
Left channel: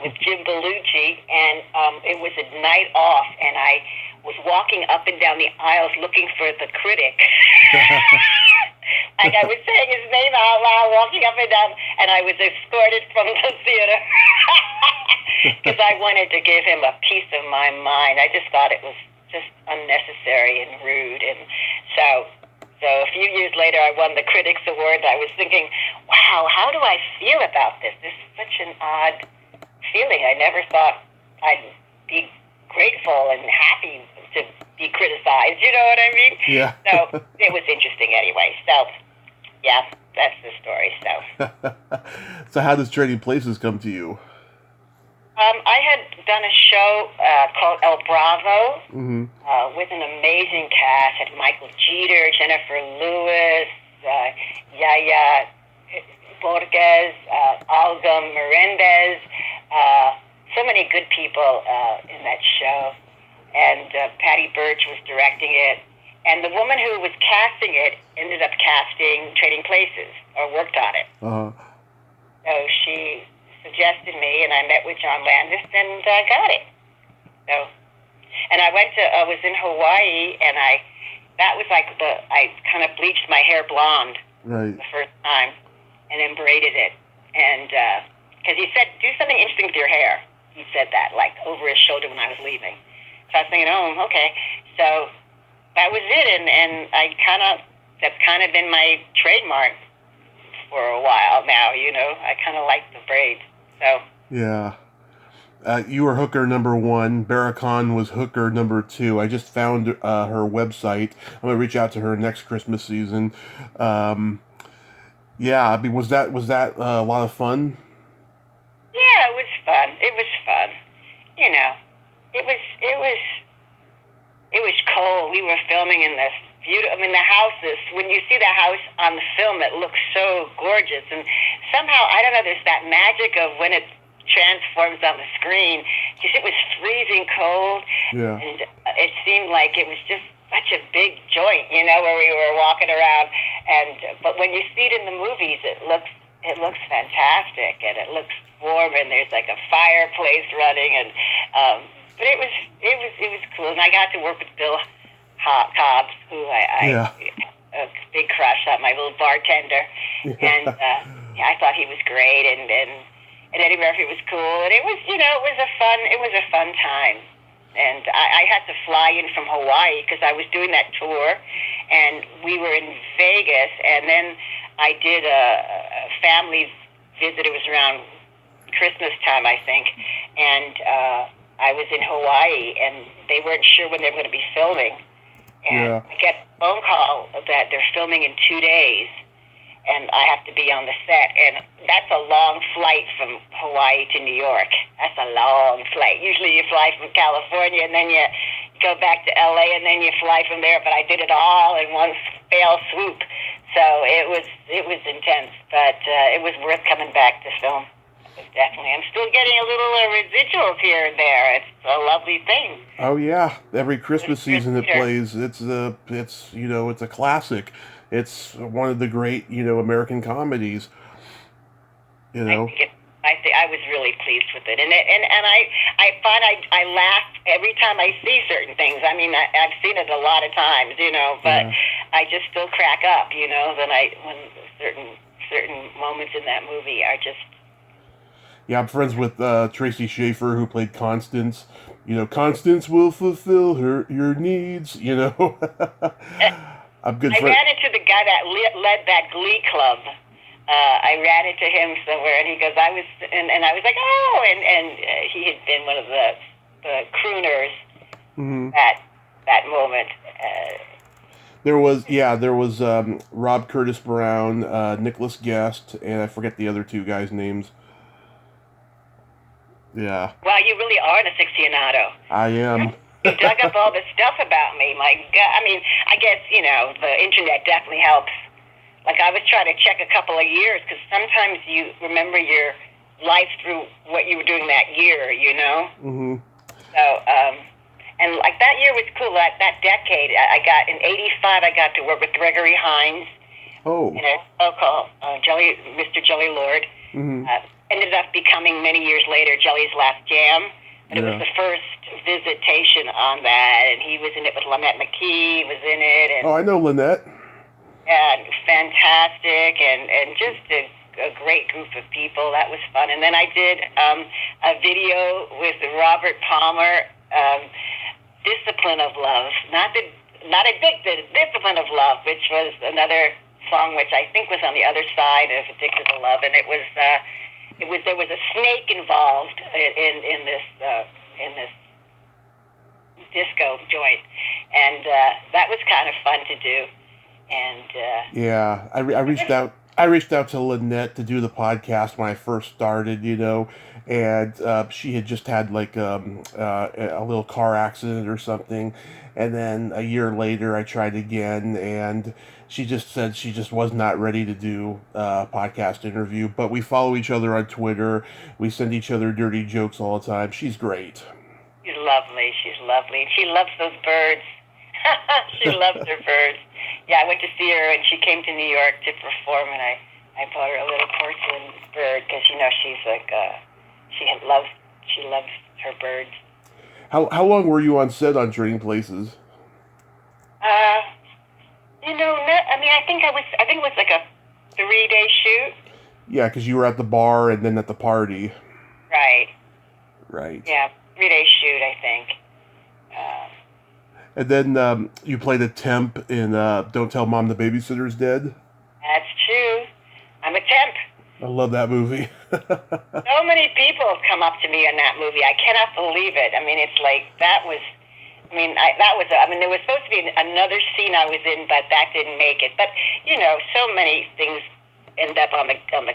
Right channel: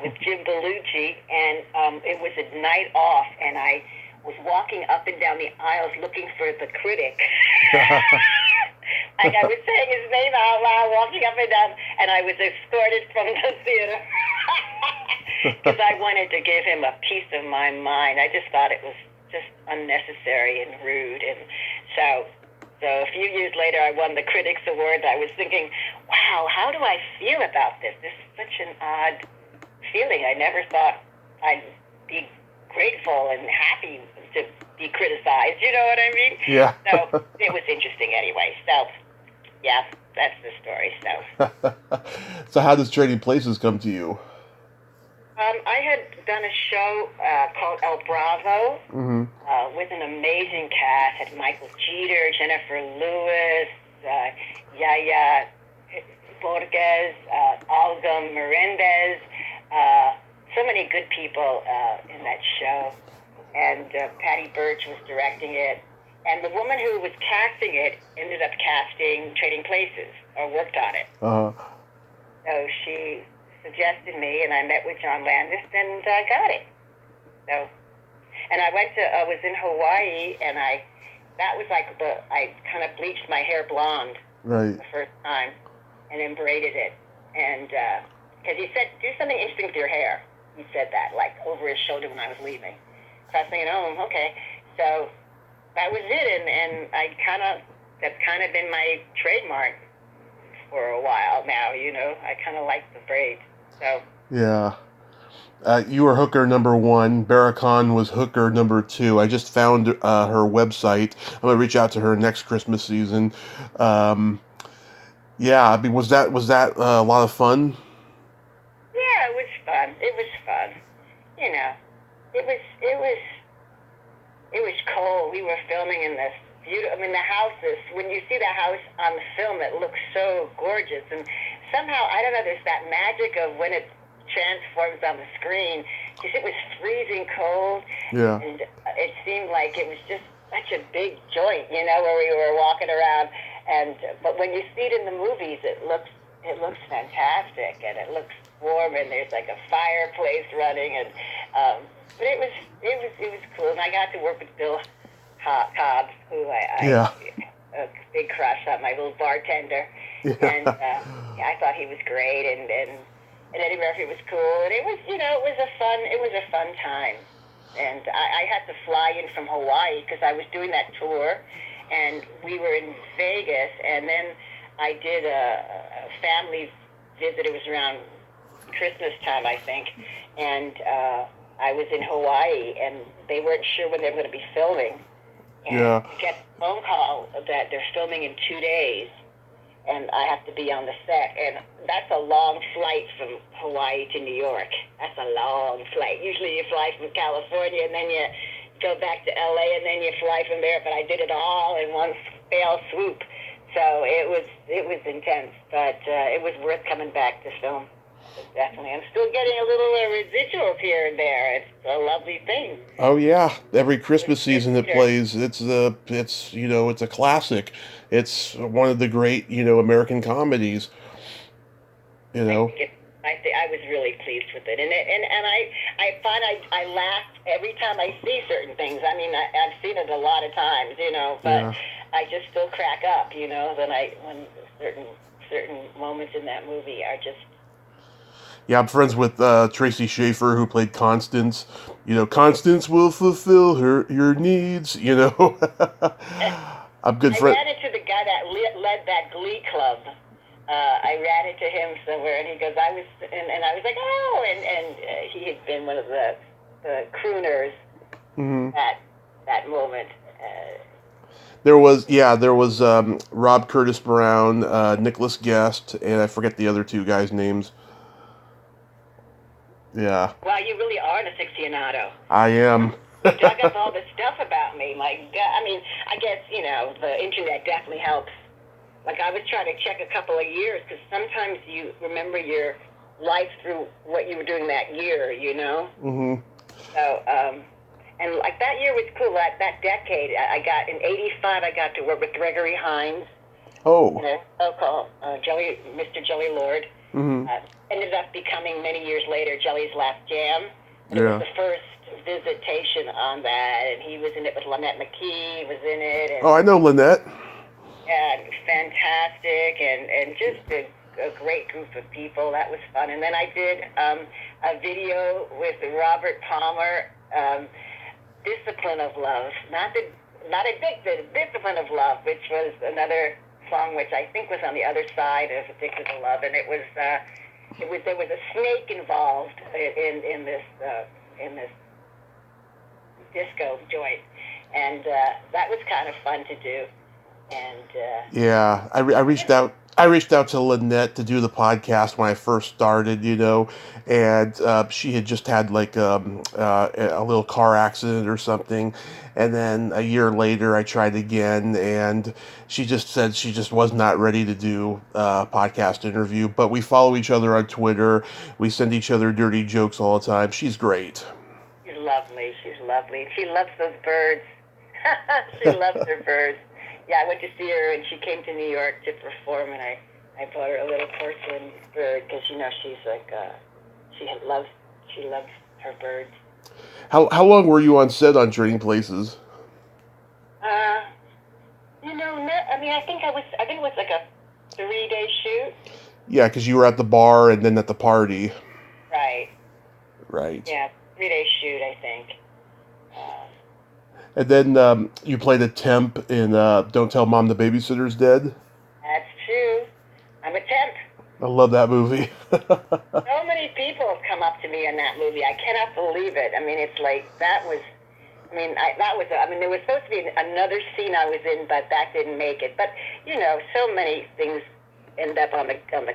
with Jim Belushi, and it was a night off, and I was walking up and down the aisles looking for the critic. I was saying his name out loud, walking up and down, and I was escorted from the theater because I wanted to give him a piece of my mind. I just thought it was just unnecessary and rude, and so a few years later, I won the Critics Award. I was thinking, wow, how do I feel about this? This is such an odd feeling. I never thought I'd be grateful and happy to be criticized. You know what I mean? Yeah. So it was interesting anyway. So, yeah, that's the story. So. So how does Trading Places come to you? I had done a show called El Bravo with an amazing cast. Had Michael Jeter, Jennifer Lewis, Yaya Borges, Olga Merendez, so many good people in that show. And Patty Birch was directing it. And the woman who was casting it ended up casting Trading Places, or worked on it. So she suggested me, and I met with John Landis, and I got it. So, and I was in Hawaii, and that was like I kind of bleached my hair blonde Right. the first time, and then braided it, and because he said, do something interesting with your hair. He said that, like, over his shoulder when I was leaving. So I was thinking, oh, okay. So that was it, and that's kind of been my trademark for a while now, I kind of like the braids, so. Yeah. You were hooker number 1. Barracan was hooker number 2. I just found her website. I'm gonna reach out to her next Christmas season. Yeah, I mean, was that a lot of fun? Yeah, it was fun. It was fun. It was cold. We were filming in this beautiful. I mean, the houses. When you see the house on the film, it looks so gorgeous. And somehow, I don't know. There's that magic of when it transforms on the screen. Because it was freezing cold. Yeah. And it seemed like it was just such a big joint, where we were walking around. But when you see it in the movies, it looks fantastic, and it looks warm, and there's like a fireplace running, and but it was cool, and I got to work with Bill Cobbs, who Yeah. a big crush on, my little bartender, Yeah. and I thought he was great, and Eddie Murphy was cool, and it was a fun time. And I had to fly in from Hawaii because I was doing that tour, and we were in Vegas, and then I did a family visit. It was around Christmas time, I think, and I was in Hawaii, and they weren't sure when they were going to be filming. And Yeah. I get a phone call that they're filming in 2 days, and I have to be on the set, and that's a long flight from Hawaii to New York. That's a long flight. Usually you fly from California, and then you go back to LA, and then you fly from there, but I did it all in one fell swoop. So it was intense, but it was worth coming back to film. Definitely. I'm still getting a little residuals here and there. It's a lovely thing. Oh yeah, every Christmas season it plays. It's a classic. It's one of the great American comedies. I was really pleased with it, and I find I laugh every time I see certain things. I mean, I've seen it a lot of times, but Yeah. I just still crack up, when certain moments in that movie are just. Yeah, I'm friends with Tracy Schaefer, who played Constance. Constance will fulfill your needs. I'm good I friend. ran into the guy that led that Glee club. I ran into him somewhere, and he goes, I was like, oh, and he had been one of the crooners Mm-hmm. that moment. There was Rob Curtis Brown, Nicholas Guest, and I forget the other two guys' names. Yeah. Wow, you really are an aficionado. I am. You dug up all this stuff about me. My God, I mean, I guess, the internet definitely helps. Like, I was trying to check a couple of years, because sometimes you remember your life through what you were doing that year, Mm-hmm. So, and like that year was cool. That decade, I got in '85. I got to work with Gregory Hines. Oh. Called Mr. Jelly Lord. Mm-hmm. Ended up becoming many years later Jelly's Last Jam. And it was the first visitation on that, and he was in it with Lynette McKee. Was in it. And, Oh, I know Lynette. Yeah, fantastic, and just a great group of people. That was fun. And then I did a video with Robert Palmer. Discipline of Love, not Addicted, Discipline of Love, which was another song which I think was on the other side of Addicted to Love, and there was a snake involved in this disco joint, and that was kind of fun to do, and Yeah, I reached out. I reached out to Lynette to do the podcast when I first started, and she had just had like a little car accident or something, and then a year later I tried again, and she just said she just was not ready to do a podcast interview. But we follow each other on Twitter. We send each other dirty jokes all the time. She's great. She's lovely. She's lovely. She loves those birds. She loves her birds. Yeah, I went to see her, and she came to New York to perform, and I I bought her a little porcelain bird because she's like loves her birds. How long were you on set on Trading Places? I think it was like a 3-day shoot. Yeah, because you were at the bar and then at the party. Right. Right. Yeah, 3-day shoot, I think. And then you played a temp in Don't Tell Mom the Babysitter's Dead. That's true. I'm a temp. I love that movie. So many people have come up to me in that movie. I cannot believe it. I mean, it's like there was supposed to be another scene I was in, but that didn't make it. But so many things end up on the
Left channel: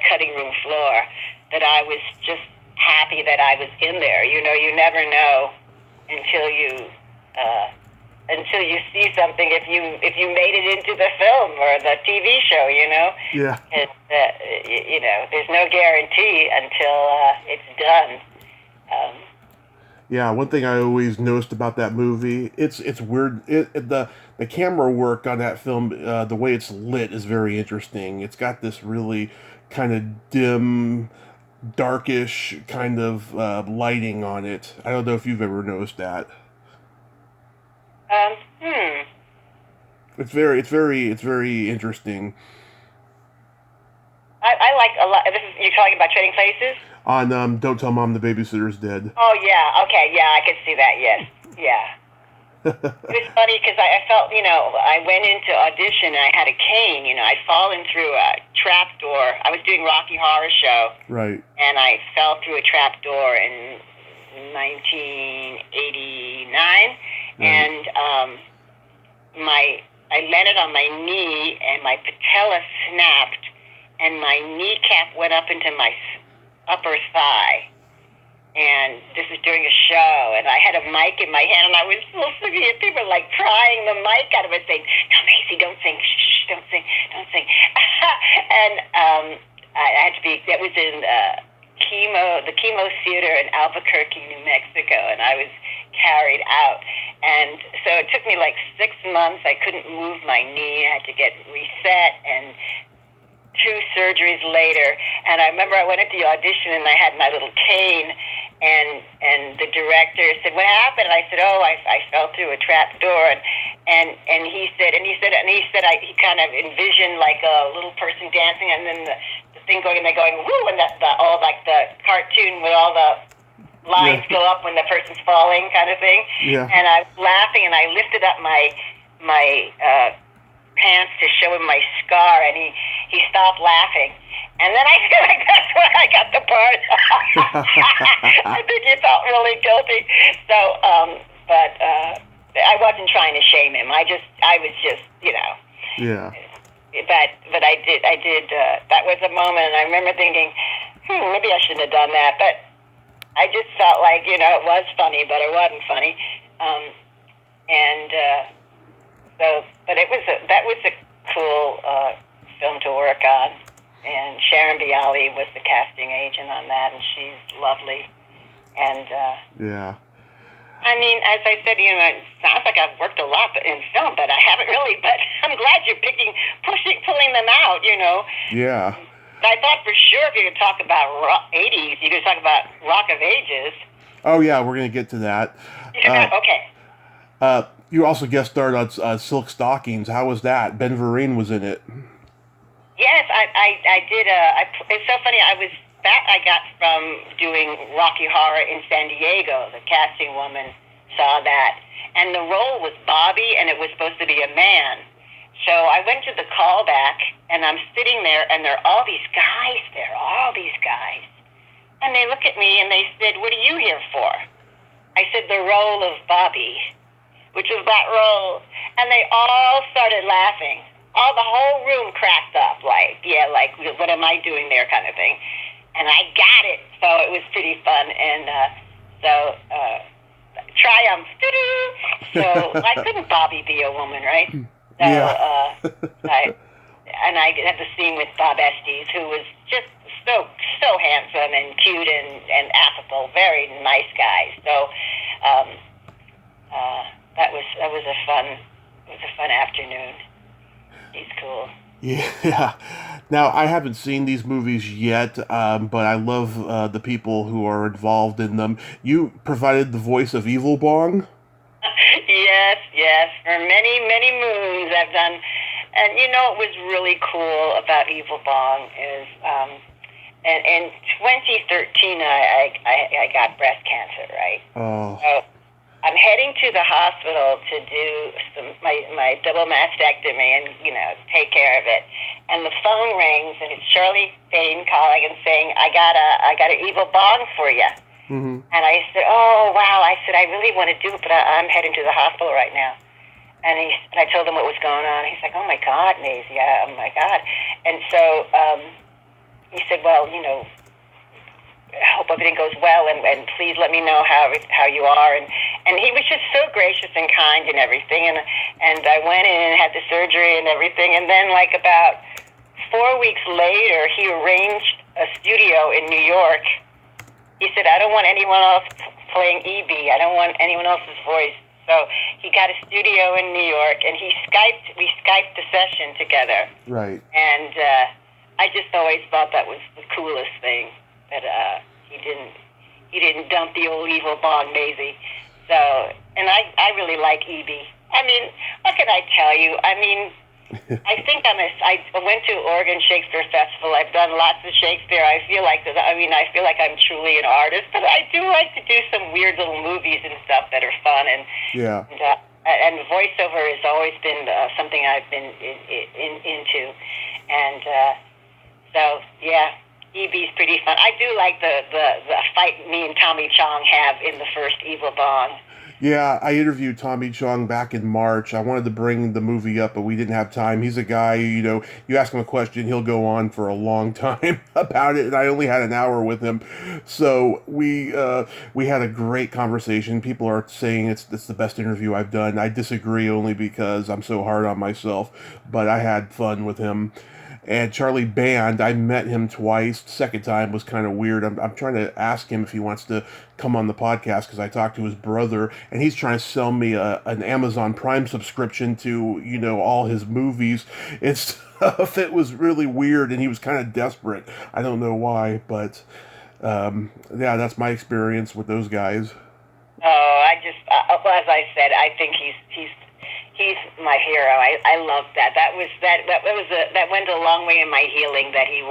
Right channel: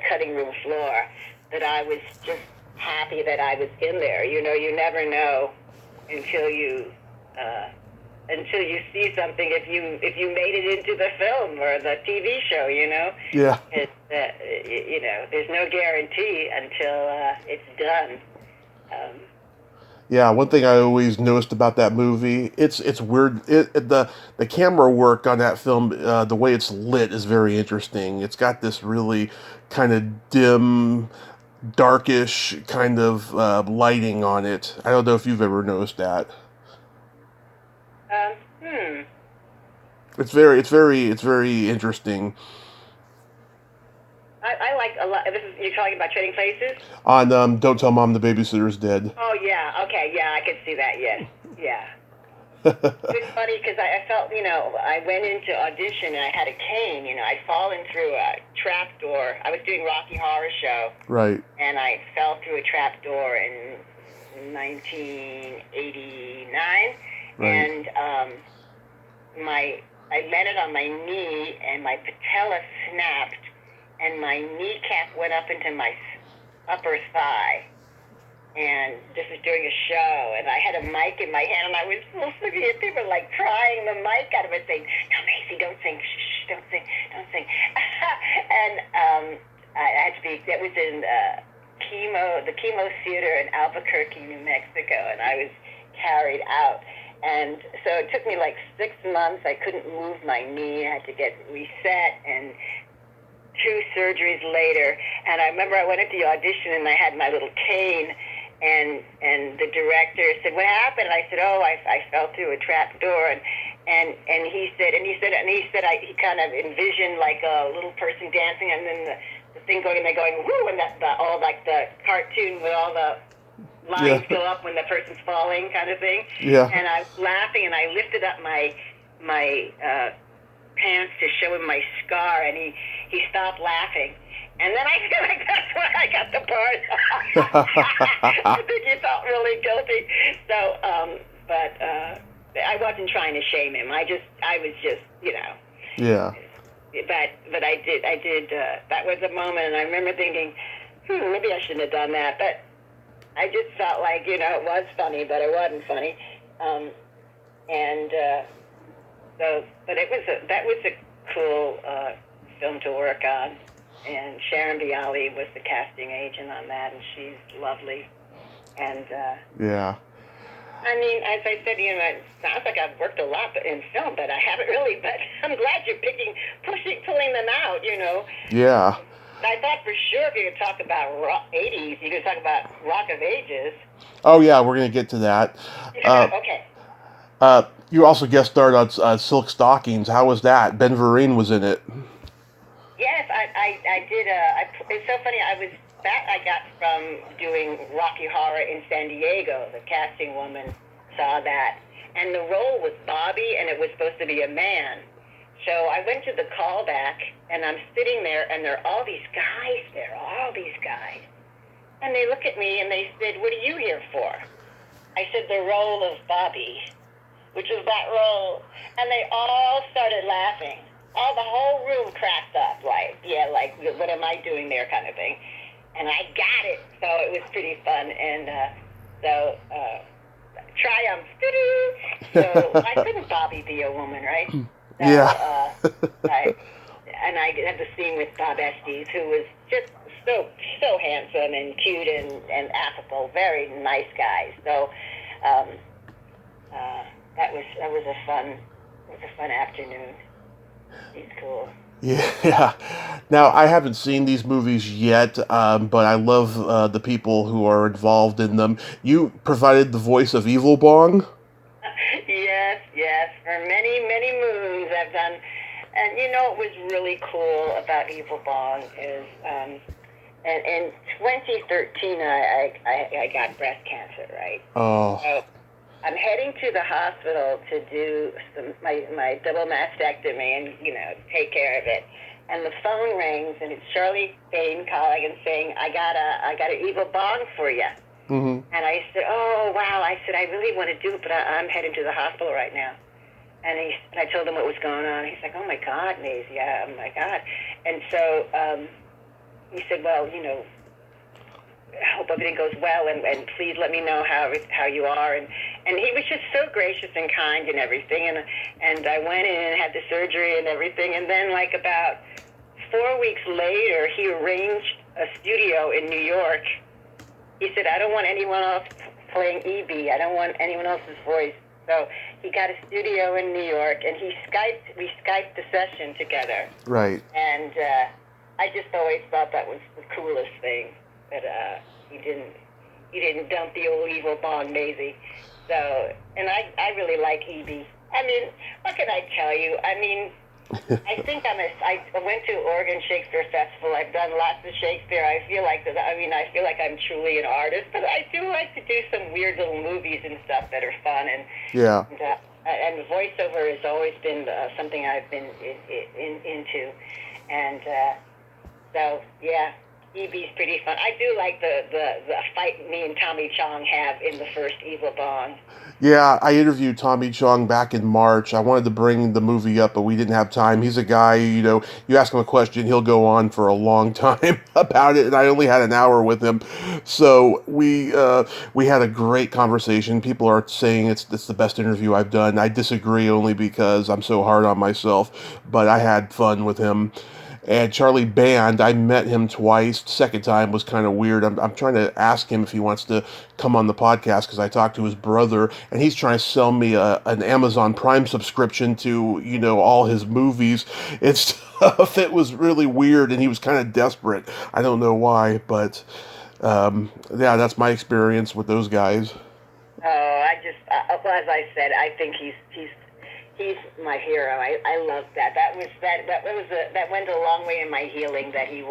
cutting room floor that I was just happy that I was in there. You never know until you see something if you made it into the film or the TV show. Yeah. And, there's no guarantee until it's done. Yeah, one thing I always noticed about that movie, it's weird. The camera work on that film, the way it's lit is very interesting. It's got this really kind of dim, darkish kind of lighting on it. I don't know if you've ever noticed that. It's very interesting. I like a lot. You're talking about Trading Places? On Don't Tell Mom the Babysitter's Dead. Oh, yeah. Okay, yeah, I can see that, yes. Yeah. It's funny because I felt, I went into audition and I had a cane. I'd fallen through a trap door. I was doing Rocky Horror Show. Right. And I fell through a trap door in 1989. Right. And I landed on my knee and my patella snapped. And my kneecap went up into my upper thigh. And this is during a show, and I had a mic in my hand, and I was so sick. People were like prying the mic out of it, saying, "No, Macy, don't sing. Shh, don't sing, don't sing." And I had to be. That was in the Chemo Theater in Albuquerque, New Mexico, and I was carried out. And so it took me like 6 months. I couldn't move my knee. I had to get reset and 2 surgeries later, and I remember I went at the audition and I had my little cane, and the director said, "What happened?" And I said, "Oh, I fell through a trap door," and he he kind of envisioned like a little person dancing, and then the thing going, and they're going woo, and all like the cartoon with all the lines go up when the person's falling, kind of thing. Yeah. And I was laughing, and I lifted up my pants to show him my scar, and he stopped laughing. And then I feel like that's where I got the part. I think he felt really guilty. So, but I wasn't trying to shame him. I was just, Yeah. But I did. That was a moment, and I remember thinking, maybe I shouldn't have done that. But I just felt like, it was funny, but it wasn't funny. But that was a cool film to work on, and Sharon Bialy was the casting agent on that, and she's lovely. And yeah. I mean, as I said, it sounds like I've worked a lot in film, but I haven't really. But I'm glad you're pulling them out. Yeah. I thought for sure if you're going to talk about 80s, you're going to talk about Rock of Ages. Oh yeah, we're going to get to that. Okay. You also guest starred on Silk Stockings. How was that? Ben Vereen was in it. Yes, I did. It's so funny. I got from doing Rocky Horror in San Diego. The casting woman saw that, and the role was Bobby, and it was supposed to be a man. So I went to the callback, and I'm sitting there, and there are all these guys there, and they look at me and they said, "What are you here for?" I said, "The role of Bobby," which was that role, and they all started laughing. The whole room cracked up, like, what am I doing there, kind of thing. And I got it, so it was pretty fun, and triumph. So why couldn't Bobby be a woman, right? So, yeah. I had the scene with Bob Estes, who was just so handsome and cute and affable, very nice guy. So that was a fun afternoon. He's cool. Yeah. Now, I haven't seen these movies yet, but I love the people who are involved in them. You provided the voice of Evil Bong? Yes, yes. For many, many moons I've done. And you know what was really cool about Evil Bong is, and in 2013 I got breast cancer, right? Oh, So I'm heading to the hospital to do my double mastectomy and, take care of it. And the phone rings and it's Shirley Payne calling and saying, I got an Evil Bong for you. hmm And I said, oh, wow. I said, I really want to do it, but I'm heading to the hospital right now. And I told him what was going on. He's like, oh, my God, Maisie. Yeah, oh, my God. And so he said, well, I hope everything goes well, and please let me know how you are. And he was just so gracious and kind and everything. And I went in and had the surgery and everything. And then, like, about 4 weeks later, he arranged a studio in New York. He said, I don't want anyone else playing E.B. I don't want anyone else's voice. So he got a studio in New York, and we Skyped the session together. right. And I just always thought that was the coolest thing, that he didn't dump the old Evil Bong Maisie. So, and I really like E.B. I mean, what can I tell you? I mean, I think I went to Oregon Shakespeare Festival. I've done lots of Shakespeare. I feel like I'm truly an artist, but I do like to do some weird little movies and stuff that are fun, Yeah. and voiceover has always been something I've been into, and so yeah, EB's pretty fun. I do like the fight me and Tommy Chong have in the first Evil Bong. Yeah, I interviewed Tommy Chung back in March. I wanted to bring the movie up, but we didn't have time. He's a guy, you ask him a question, he'll go on for a long time about it, and I only had an hour with him. So we had a great conversation. People are saying it's the best interview I've done. I disagree only because I'm so hard on myself, but I had fun with him. And Charlie Band, I met him twice. Second time was kind of weird. I'm trying to ask him if he wants to come on the podcast because I talked to his brother, and he's trying to sell me an Amazon Prime subscription to, all his movies. It's stuff. It was really weird, and he was kind of desperate. I don't know why, but yeah, that's my experience with those guys. Oh, well, as I said, I think he's my hero. I love that. That went a long way in my healing. That he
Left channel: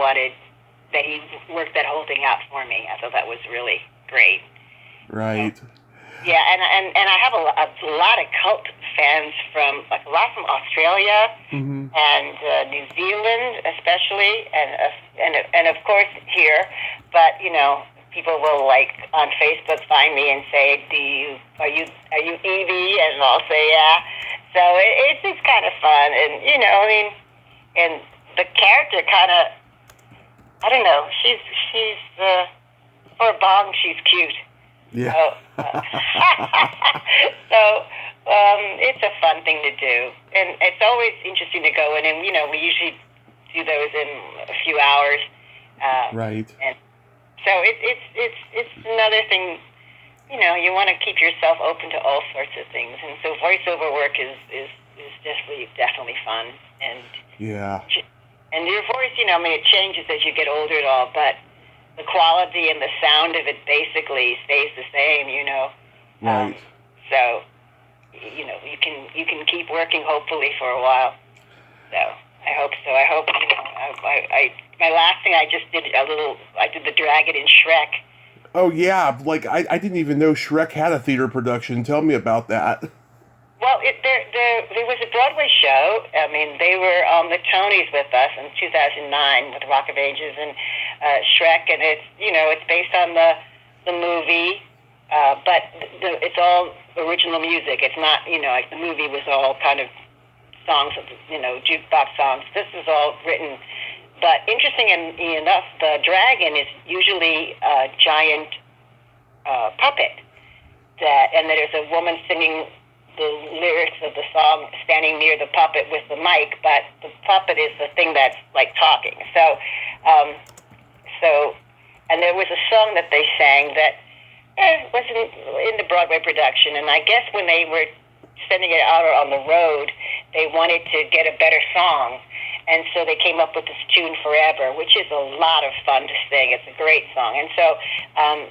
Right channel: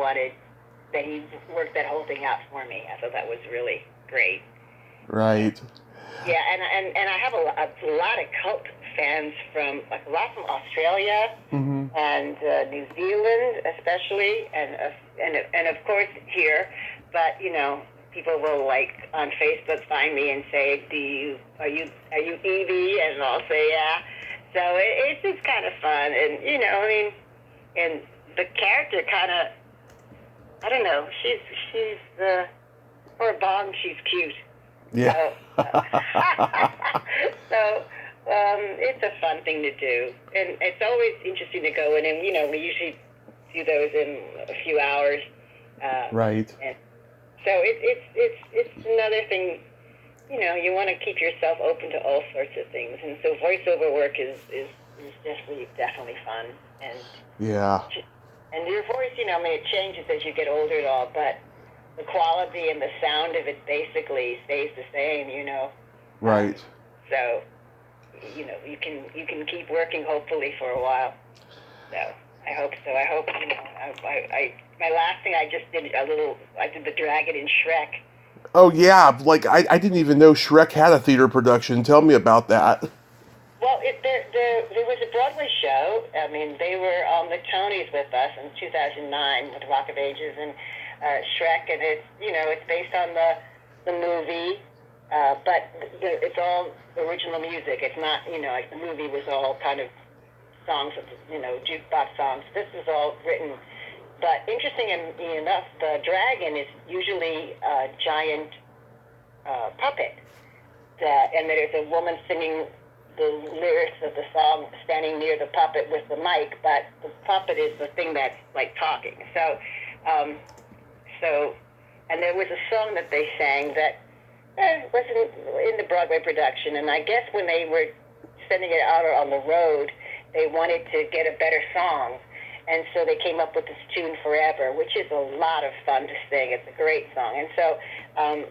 worked that whole thing out for me. I thought that was really great. Right. Yeah, and I have a lot of cult fans a lot from Australia hmm and New Zealand, especially, and of course here. But people will, like, on Facebook find me and say, are you Evie? And I'll say yeah. So it's kind of fun, and I mean, and the character kind of, I don't know. She's for Bong, she's cute. Yeah. So, so it's a fun thing to do, and it's always interesting to go in, and we usually do those in a few hours. Right. And so it's another thing. You want to keep yourself open to all sorts of things, and so voiceover work is definitely fun, and Yeah. and your voice, I mean, it changes as you get older and all, but the quality and the sound of it basically stays the same, Right. So, you can keep working hopefully for a while. So I hope so. I hope I my last thing I just did I did the Dragon and Shrek. Oh yeah, like I didn't even know Shrek had a theater production. Tell me about that. Well, there was a Broadway show. I mean, they were on the Tonys with us in 2009 with Rock of Ages and Shrek, and it's based on the movie, but it's all original music. It's not, like the movie was all kind of songs, jukebox songs. This is all written. But interestingly enough, the dragon is usually a giant puppet, and there's a woman singing the lyrics of the song standing near the puppet with the mic, but the puppet is the thing that's like talking. And there was a song that they sang that was in the Broadway production, and I guess when they were sending it out on the road, they wanted to get a better song. And so they came up with this tune Forever, which is a lot of fun to sing. It's a great song. And so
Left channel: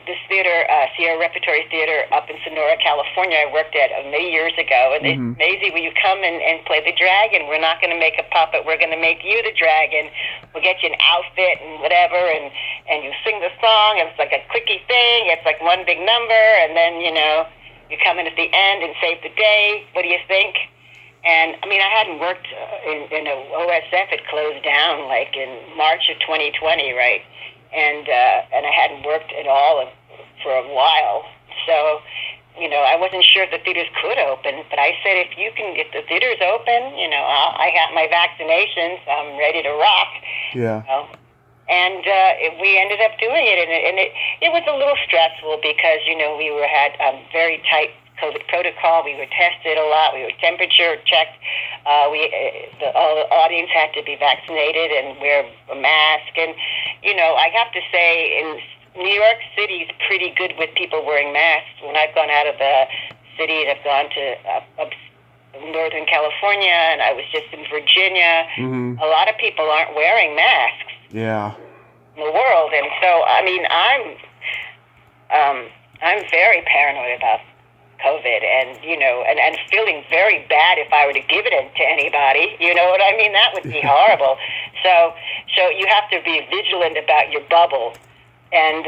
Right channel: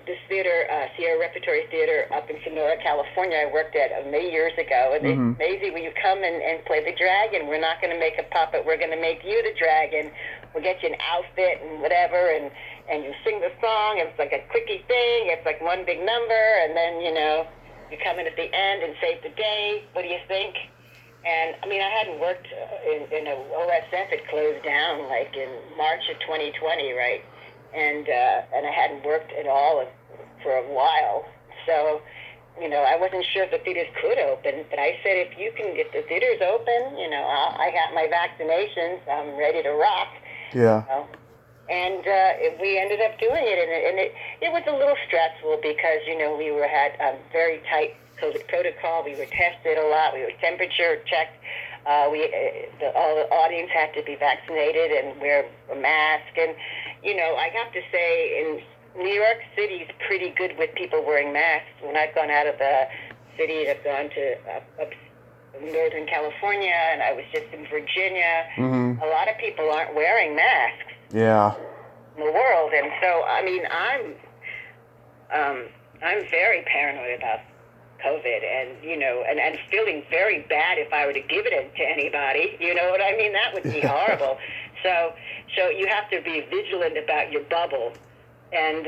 this theater, Sierra Repertory Theater up in Sonora, California, I worked at many years ago. And it's amazing, will you come and play the dragon? We're not going to make a puppet. We're going to make you the dragon. We'll get you an outfit and whatever, and you sing the song. It's like a quickie thing. It's like one big number, and then, you come in at the end and save the day. What do you think? And, I mean, I hadn't worked in a OSF. It closed down, like, in March of 2020, right? And I hadn't worked at all for a while. So, I wasn't sure if the theaters could open. But I said, if you can get the theaters open, I got my vaccinations. I'm ready to rock. Yeah. And we ended up doing it. And it was a little stressful because, we had very tight COVID protocol. We were tested a lot. We were temperature checked. All the audience had to be vaccinated and wear a mask. And, I have to say, New York City is pretty good with people wearing masks. When I've gone out of the city and I've gone to Northern California, and I was just in Virginia, a lot of people aren't wearing masks. Yeah. In the world. And so, I mean, I'm very paranoid about COVID, and and feeling very bad if I were to give it to anybody. You know what I mean? That would be horrible. So you have to be vigilant about your bubble. And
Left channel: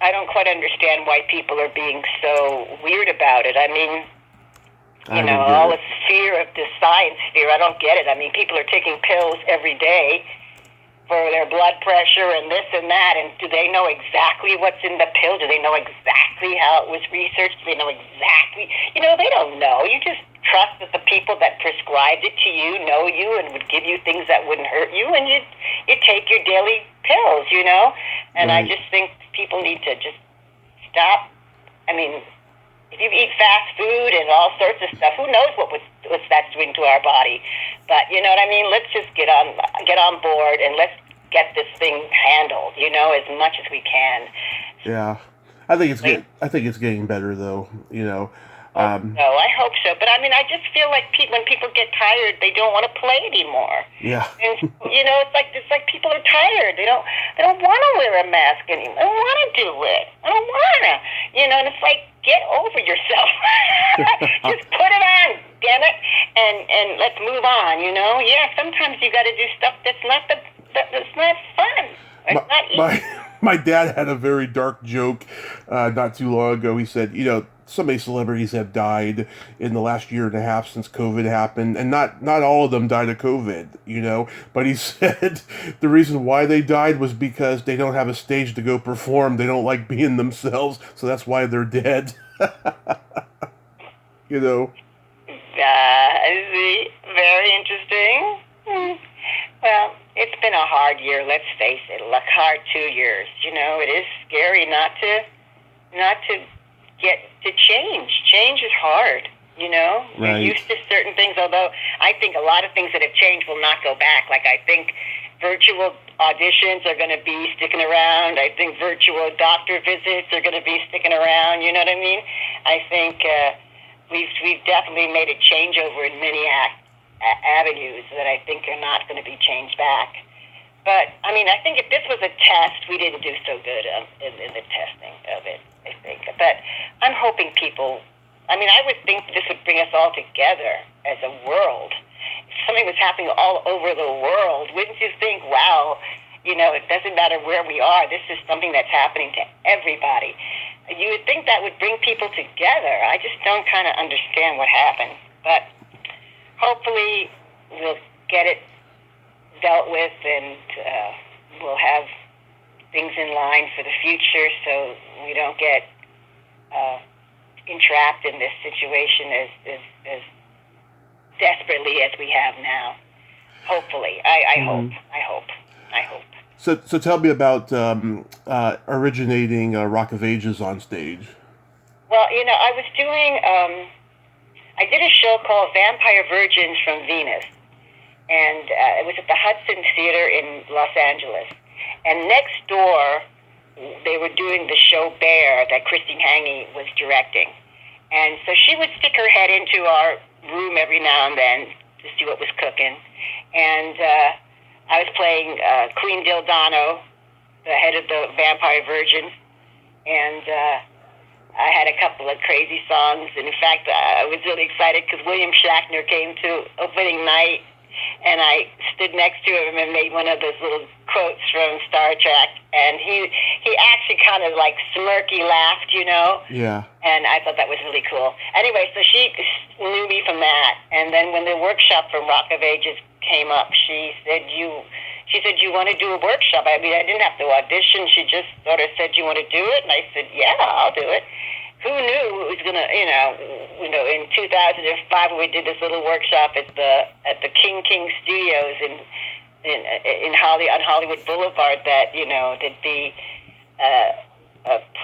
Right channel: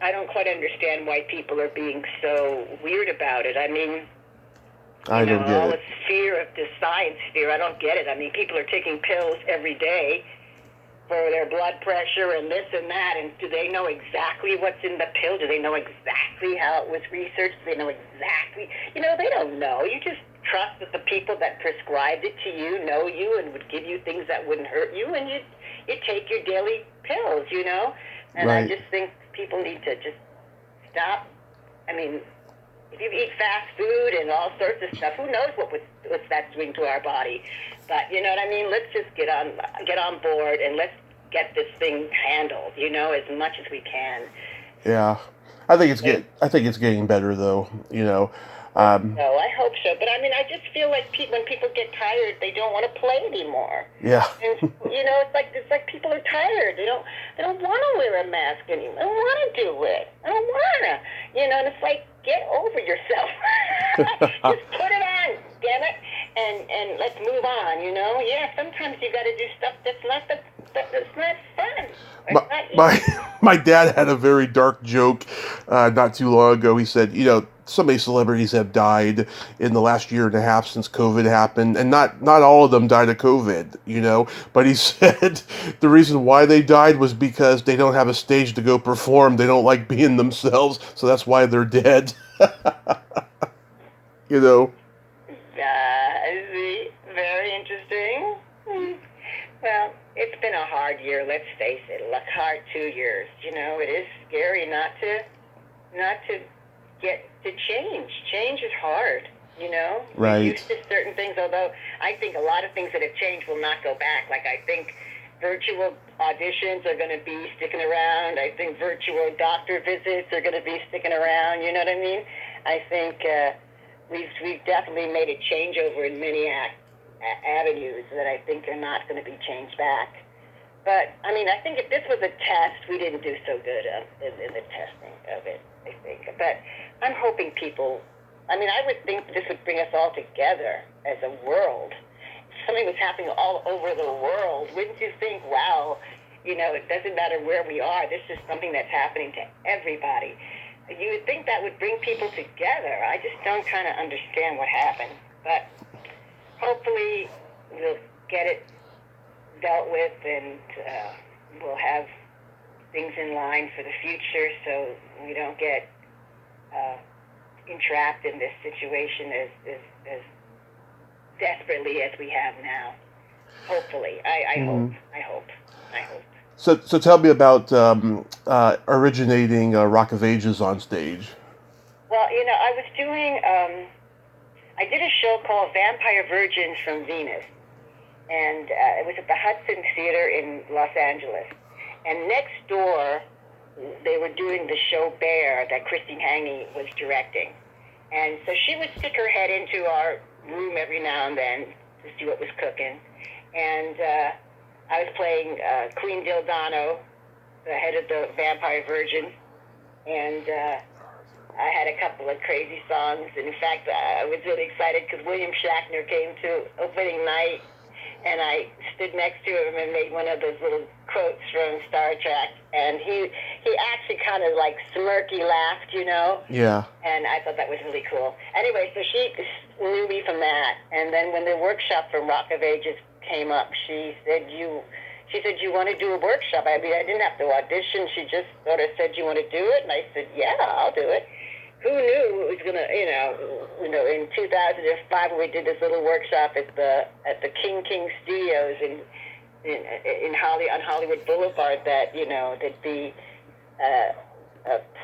I don't quite understand why people are being so weird about it. I mean, I don't get all it. this fear of the science fear. I don't get it. I mean, people are taking pills every day for their blood pressure and this and that, and do they know exactly what's in the pill? Do they know exactly how it was researched? Do they know exactly? They don't know. You just trust that the people that prescribed it to you know you and would give you things that wouldn't hurt you, and you take your daily pills, And Right. I just think people need to just stop. I mean, if you eat fast food and all sorts of stuff, who knows what that's doing to our body? But you know what I mean? Let's just get on board and let's get this thing handled, as much as we can. Yeah. I think it's getting better though, No, I hope so. But I mean, I just feel like when people get tired, they don't want to play anymore. Yeah. And it's like people are tired. They don't want to wear a mask anymore. They don't want to do it. I don't want to. And it's like, get over yourself. Just put it on, damn it, and let's move on. Yeah, sometimes you got to do stuff that's not fun. My dad had a very dark joke not too long ago. He said, so many celebrities have died in the last year and a half since COVID happened, and not all of them died of COVID, but he said the reason why they died was because they don't have a stage to go perform. They don't like being themselves, so that's why they're dead. See, very interesting. Well, it's been a hard year, let's face it. A hard 2 years. It is scary not to get to change. Change is hard. Right. You're used to certain things, although I think a lot of things that have changed will not go back. Like, I think virtual auditions are going to be sticking around. I think virtual doctor visits are going to be sticking around. You know what I mean? I think we've definitely made a changeover in many avenues that I think are not going to be changed back. But, I mean, I think if this was a test, we didn't do so good in the testing of it, I think. But I'm hoping people, I would think this would bring us all together as a world. If something was happening all over the world, wouldn't you think, wow, it doesn't matter where we are, this is something that's happening to everybody. You would think that would bring people together. I just don't kind of understand what happened. But hopefully we'll get it dealt with, and we'll have things in line for the future so we don't get entrapped in this situation as desperately as we have now. Hopefully. I hope. So tell me about originating Rock of Ages on stage. Well, I was doing, I did a show called Vampire Virgins from Venus, and it was at the Hudson Theater in Los Angeles. And next door, they were doing the show Bear that Christine Hangy was directing. And so she would stick her head into our room every now and then to see what was cooking. And I was playing Queen Dildano, the head of the Vampire Virgins, and I had a couple of crazy songs. And in fact, I was really excited because William Shatner came to opening night, and I stood next to him and made one of those little quotes from Star Trek. And he actually kind of like smirky laughed, you know? Yeah. And I thought that was really cool. Anyway, so she knew me from that. And then when the workshop from Rock of Ages came up, she said, you want to do a workshop? I mean, I didn't have to audition. She just sort of said, you want to do it? And I said, yeah, I'll do it. Who knew it was gonna, in 2005 when we did this little workshop at the King Studios on Hollywood Boulevard, that the a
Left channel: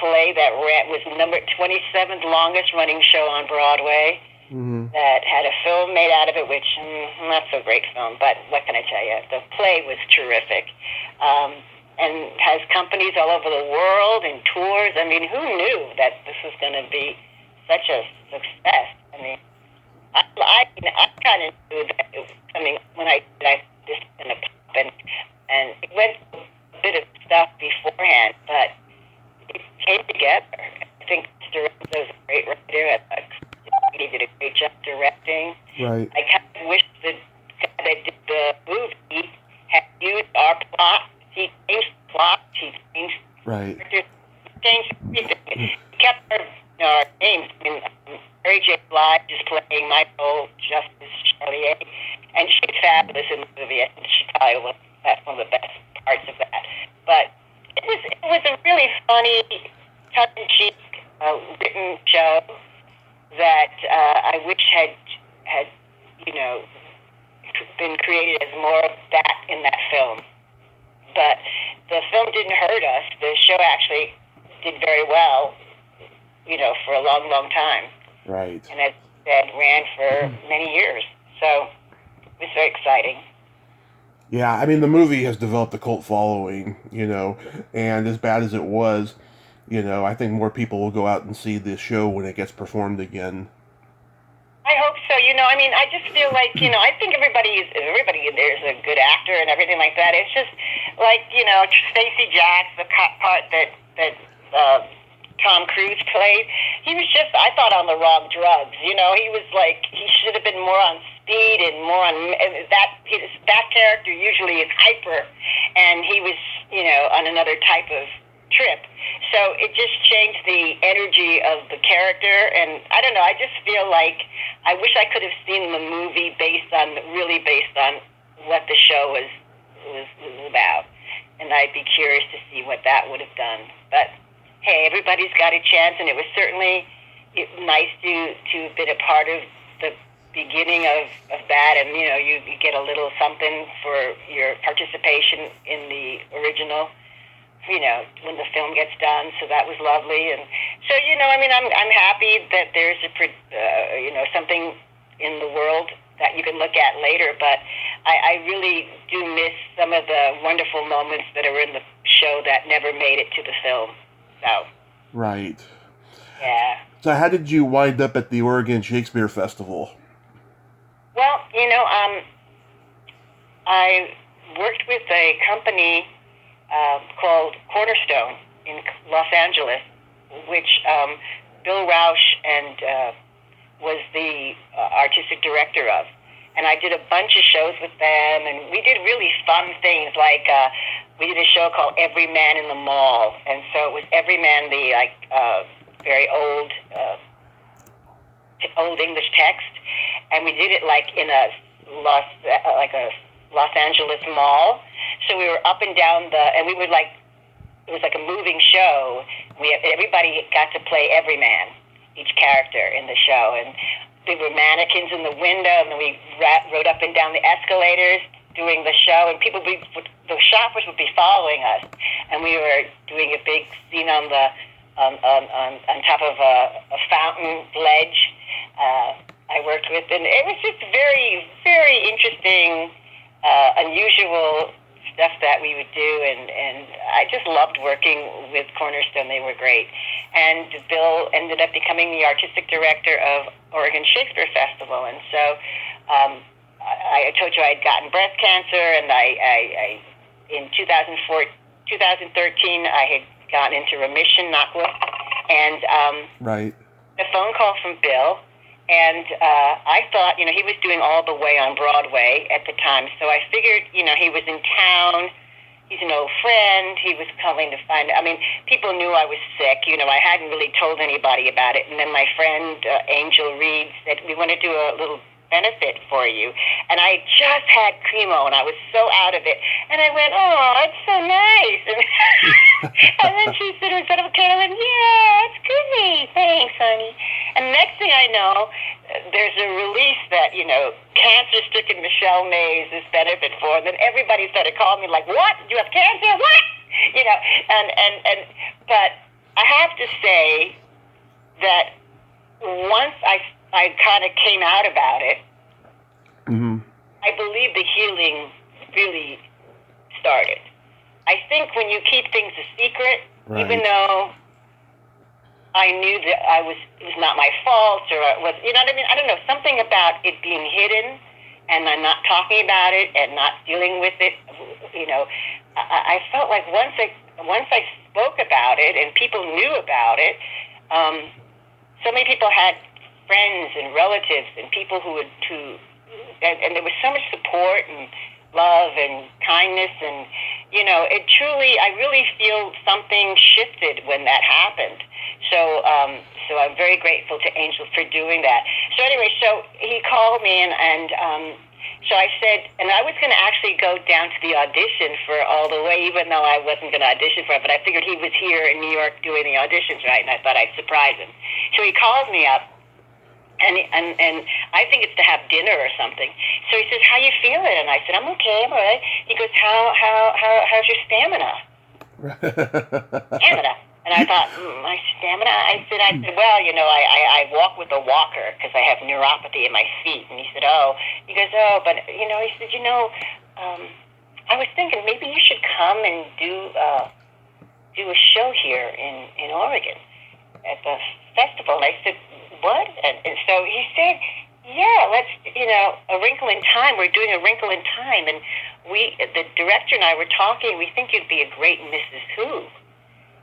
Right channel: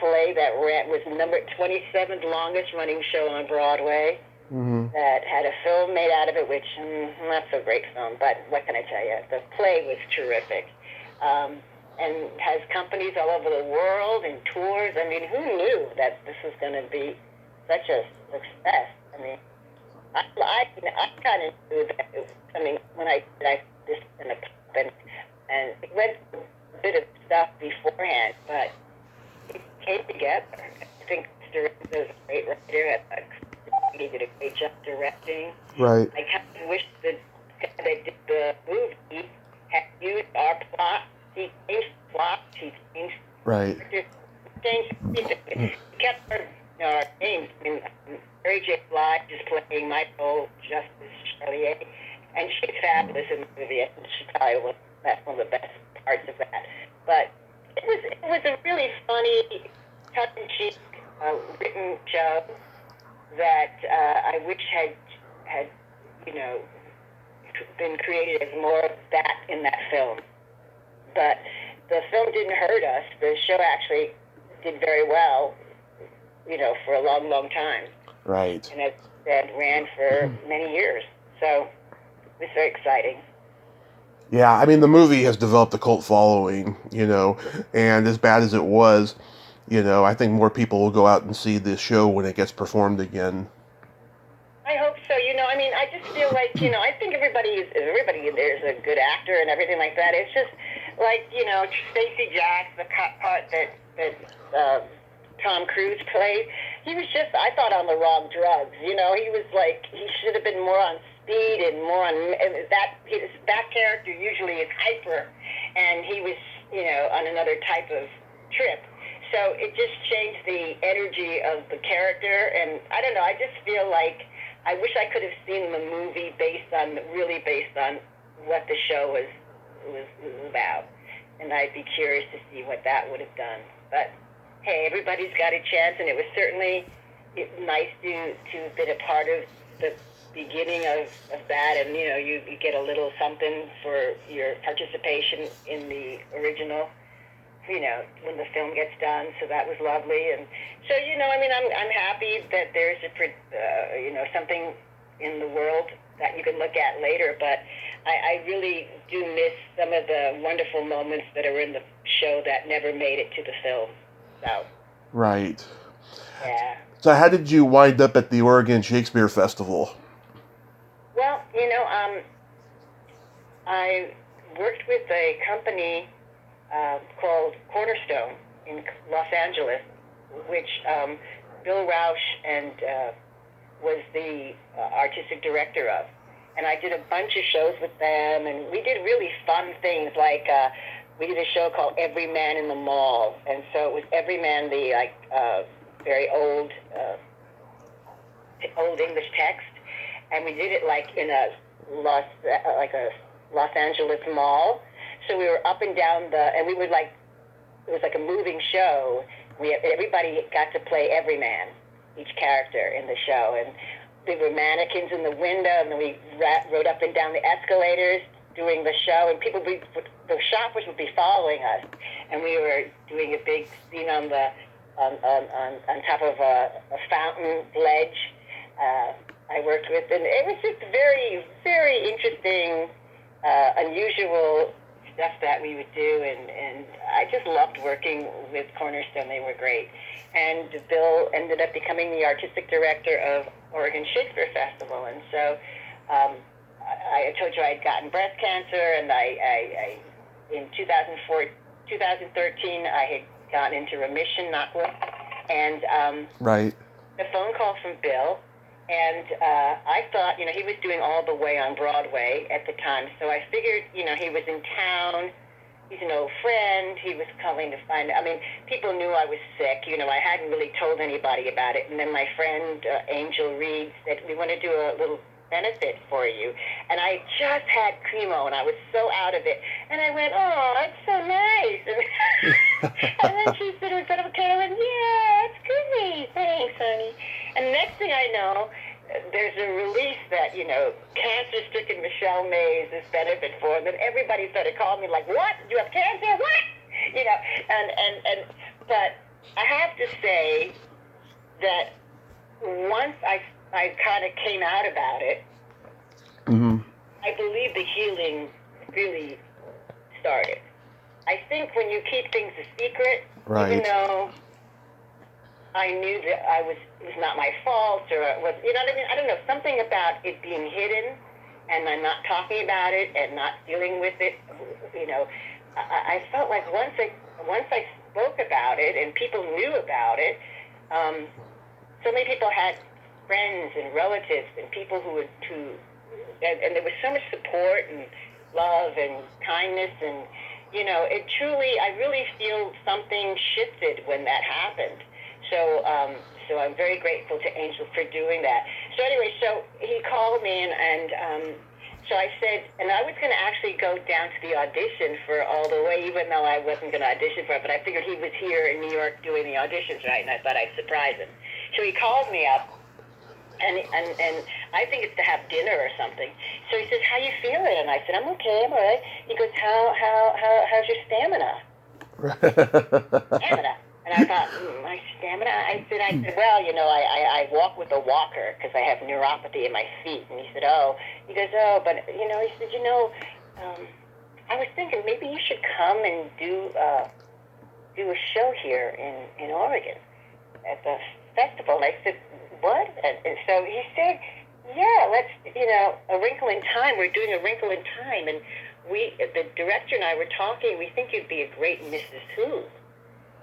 play that was number 27th longest running show on Broadway. Mm-hmm. That had a film made out of it, which not so great film, but what can I tell you? The play was terrific. And has companies all over the world and tours. I mean, who knew that this was going to be such a success? I mean, I kind of knew that it was coming when I this in the pub, and it went through a bit of stuff beforehand, but it came together. I think Lorenzo's a great writer. He did a great job directing. Right. I kind of wish that they did the movie had used our plot. He changed the plot. He changed. Right. Changed everything. He kept our names. I mean, Mary J. Blige is playing my role, Justice Charlier, and she's fabulous in the movie. And she probably was one of the best parts of that. But it was a really funny, tongue-in-cheek written show that I wish had been created as more of that in that film. But the film didn't hurt us. The show actually did very well, for a long, long time. Right. And that ran for many years. So it was very exciting. Yeah, I mean, the movie has developed a cult following, and as bad as it was, I think more people will go out and see this show when it gets performed again. I hope so. I mean, I just feel like, I think everybody in there is a good actor and everything like that. It's just like, Stacey Jax, the part that Tom Cruise played, he was just, I thought, on the wrong drugs. He was like, he should have been more on speed and more on, that character usually is hyper, and he was, on another type of trip. So it just changed the energy of the character, and I don't know, I just feel like I wish I could have seen the movie based on what the show was about, and I'd be curious to see what that would have done. But hey, everybody's got a chance, and it was certainly nice to have been a part of the beginning of that, and you get a little something for your participation in the original. When the film gets done, so that was lovely, and so I mean, I'm happy that there's something in the world that you can look at later. But I really do miss some of the wonderful moments that are in the show that never made it to the film. So. Right. Yeah. So how did you wind up at the Oregon Shakespeare Festival? Well, I worked with a company called Cornerstone in Los Angeles, which Bill Rausch was the artistic director of. And I did a bunch of shows with them, and we did really fun things, like we did a show called Every Man in the Mall. And so it was Every Man, the very old English text, and we did it like in a Los Angeles mall. So we were up and down and we would it was like a moving show. Everybody got to play every man, each character in the show, and there were mannequins in the window, and then we rode up and down the escalators doing the show, and the shoppers would be following us, and we were doing a big scene on top of a fountain ledge. I worked with, and it was just very, very interesting, unusual stuff that we would do, and I just loved working with Cornerstone. They were great. And Bill ended up becoming the artistic director of Oregon Shakespeare Festival, and so I told you I had gotten breast cancer, and I in 2013, I had gotten into remission, knock wood, and Right. a phone call from Bill, and I thought, he was doing All the Way on Broadway at the time, so I figured, he was in town. He's an old friend. He was coming to find out. I mean, people knew I was sick. I hadn't really told anybody about it. And then my friend, Angel Reed, said, we want to do a little benefit for you. And I just had chemo, and I was so out of it. And I went, oh, it's so nice. And then she said in front of a camera, I went, yeah, it's good. Thanks, honey. And the next thing I know, there's a release that, cancer-stricken Michele Mais is benefit for. And then everybody started calling me like, what? Do you have cancer? What? But I have to say that once I kind of came out about it, Mm-hmm. I believe the healing really started. I think when you keep things a secret, Right. even though I knew that it was not my fault, or it was, you know what I mean? I don't know, something about it being hidden and I'm not talking about it and not dealing with it, I felt like once I spoke about it and people knew about it, so many people had friends and relatives and people who and there was so much support and love and kindness, and it truly, I really feel something shifted when that happened. So I'm very grateful to Angel for doing that. So anyway, so he called me, and so I said, and I was going to actually go down to the audition for All the Way, even though I wasn't going to audition for it, but I figured he was here in New York doing the auditions, right? And I thought I'd surprise him. So he calls me up. And I think it's to have dinner or something. So he says, "How you feeling?" And I said, "I'm okay, I'm all right." He goes, "How's your stamina?" Stamina. And I thought, my stamina? I said, well, I walk with a walker because I have neuropathy in my feet. And he said, oh. He goes, oh, but he said, I was thinking maybe you should come and do a show here in Oregon at the festival. And I said, what? And so he said, yeah, let's, A Wrinkle in Time. We're doing A Wrinkle in Time. And the director and I were talking. We think you'd be a great Mrs. Who.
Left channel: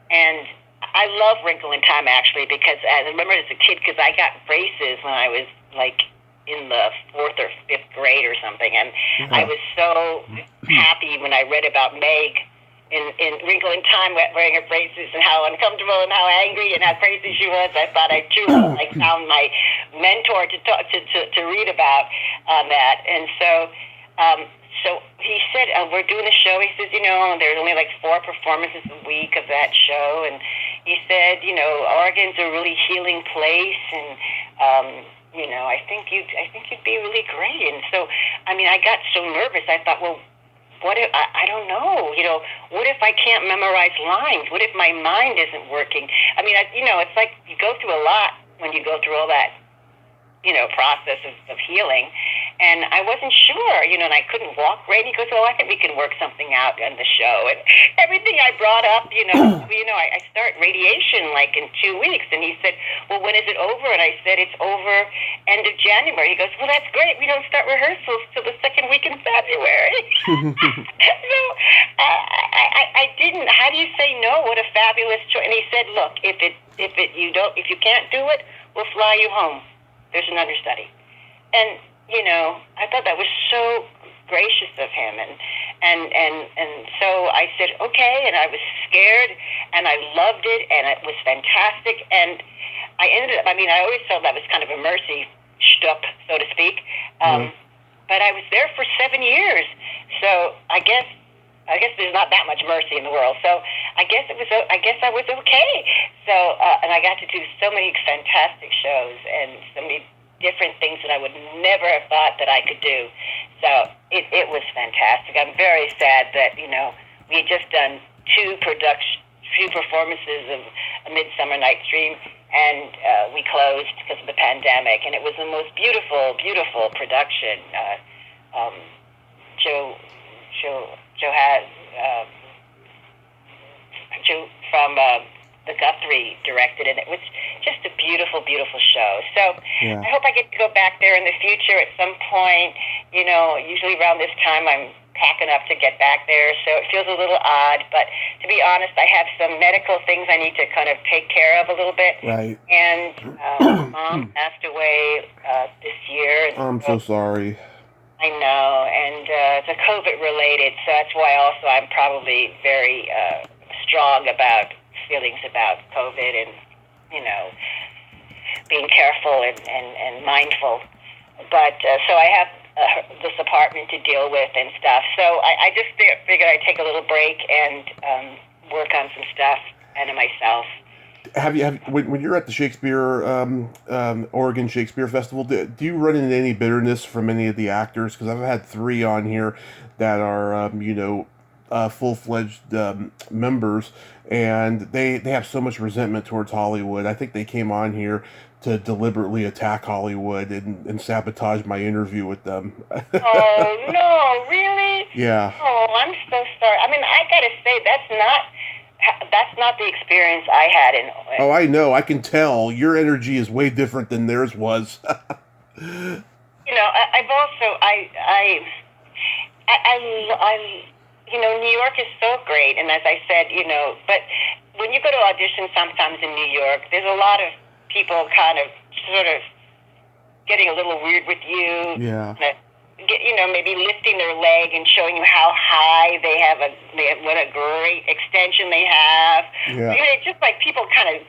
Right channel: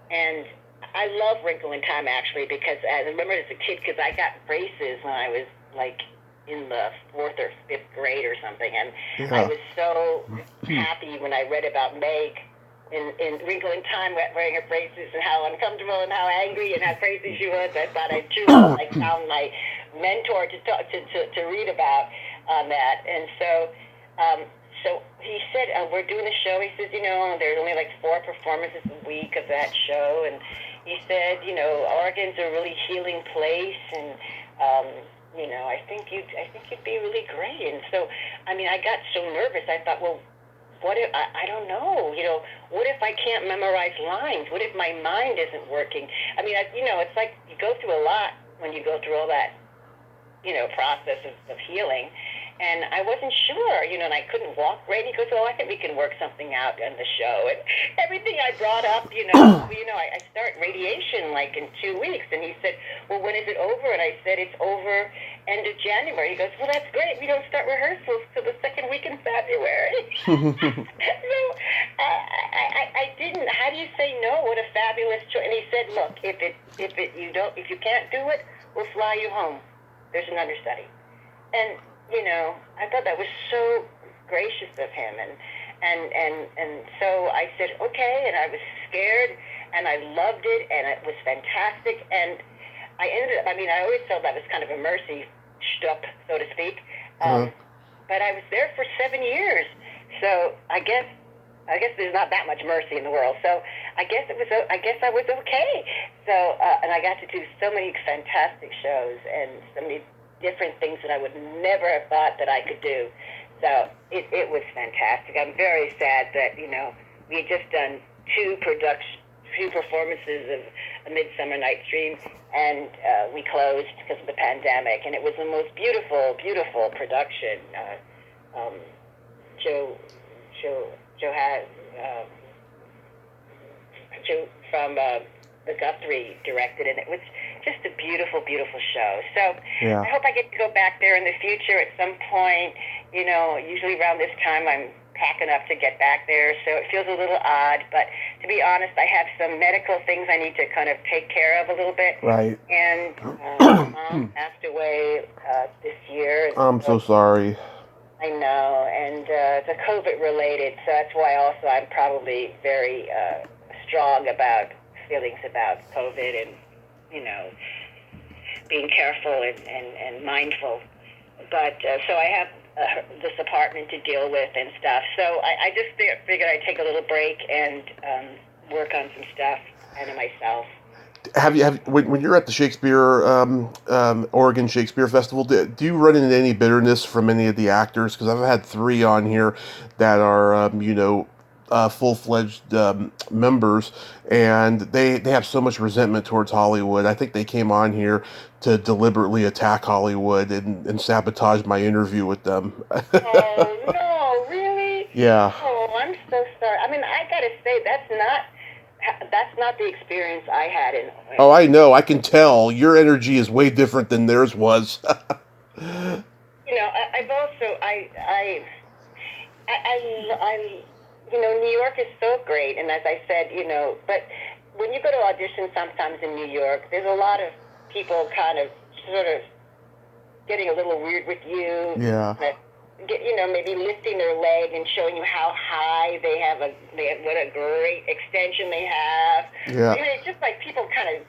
And I love Wrinkle in Time, actually, because I remember as a kid, because I got braces when I was, like, in the 4th or 5th grade or something. And I was so happy when I read about Meg in Wrinkle in Time wearing her braces and how uncomfortable and how angry and how crazy she was. I thought I truly found my mentor to read about on that. And so he said, we're doing a show. He says, there's only like 4 performances a week of that show. And he said, Oregon's a really healing place. And, I think you'd be really great. And so, I got so nervous. I thought, well, what if, I don't know, what if I can't memorize lines? What if my mind isn't working? It's like you go through a lot when you go through all that, process of healing. And I wasn't sure, and I couldn't walk right. He goes, well, I think we can work something out on the show. And everything I brought up, I start radiation like in 2 weeks. And he said, well, when is it over? And I said, it's over end of January. He goes, well, that's great. We don't start rehearsals till the 2nd week in February. So I didn't, how do you say no? What a fabulous choice. And he said, look, if you can't do it, we'll fly you home. There's an understudy. And I thought that was so gracious of him, and so I said okay, and I was scared, and I loved it, and it was fantastic, and I ended up. I always felt that was kind of a mercy shtup, so to speak, but I was there for 7 years, so I guess there's not that much mercy in the world. So I guess I was okay. So and I got to do so many fantastic shows and so many different things that I would never have thought that I could do. So it was fantastic. I'm very sad that, we had just done 2 performances of A Midsummer Night's Dream, and we closed because of the pandemic. And it was the most beautiful, beautiful production. Joe from the Guthrie directed, and it was just a beautiful, beautiful show. So Yeah. I hope I get to go back there in the future at some point. Usually around this time I'm packing up to get back there, so it feels a little odd. But to be honest, I have some medical things I need to kind of take care of a little bit. Right. And Mom passed away this year. I'm so sorry. I know, and it's a COVID related, so that's why also I'm probably very strong about feelings about COVID and, being careful and mindful. But so I have this apartment to deal with and stuff. So I just figured I'd take a little break and work on some stuff out of myself. When you're at the Shakespeare, Oregon Shakespeare Festival, do you run into any bitterness from any of the actors? Because I've had 3 on here that are, full-fledged members, and they have so much resentment towards Hollywood. I think they came on here to deliberately attack Hollywood and sabotage my interview with them. Oh, no, really? Yeah. Oh, I'm so sorry. I mean, I gotta say, that's not the experience I had in. Oh, I know. I can tell. Your energy is way different than theirs was. I've also New York is so great, and as I said, but when you go to audition sometimes in New York, there's a lot of people kind of sort of getting a little weird with you. Yeah. Maybe lifting their leg and showing you how high they have what a great extension they have. Yeah. It's just like people kind of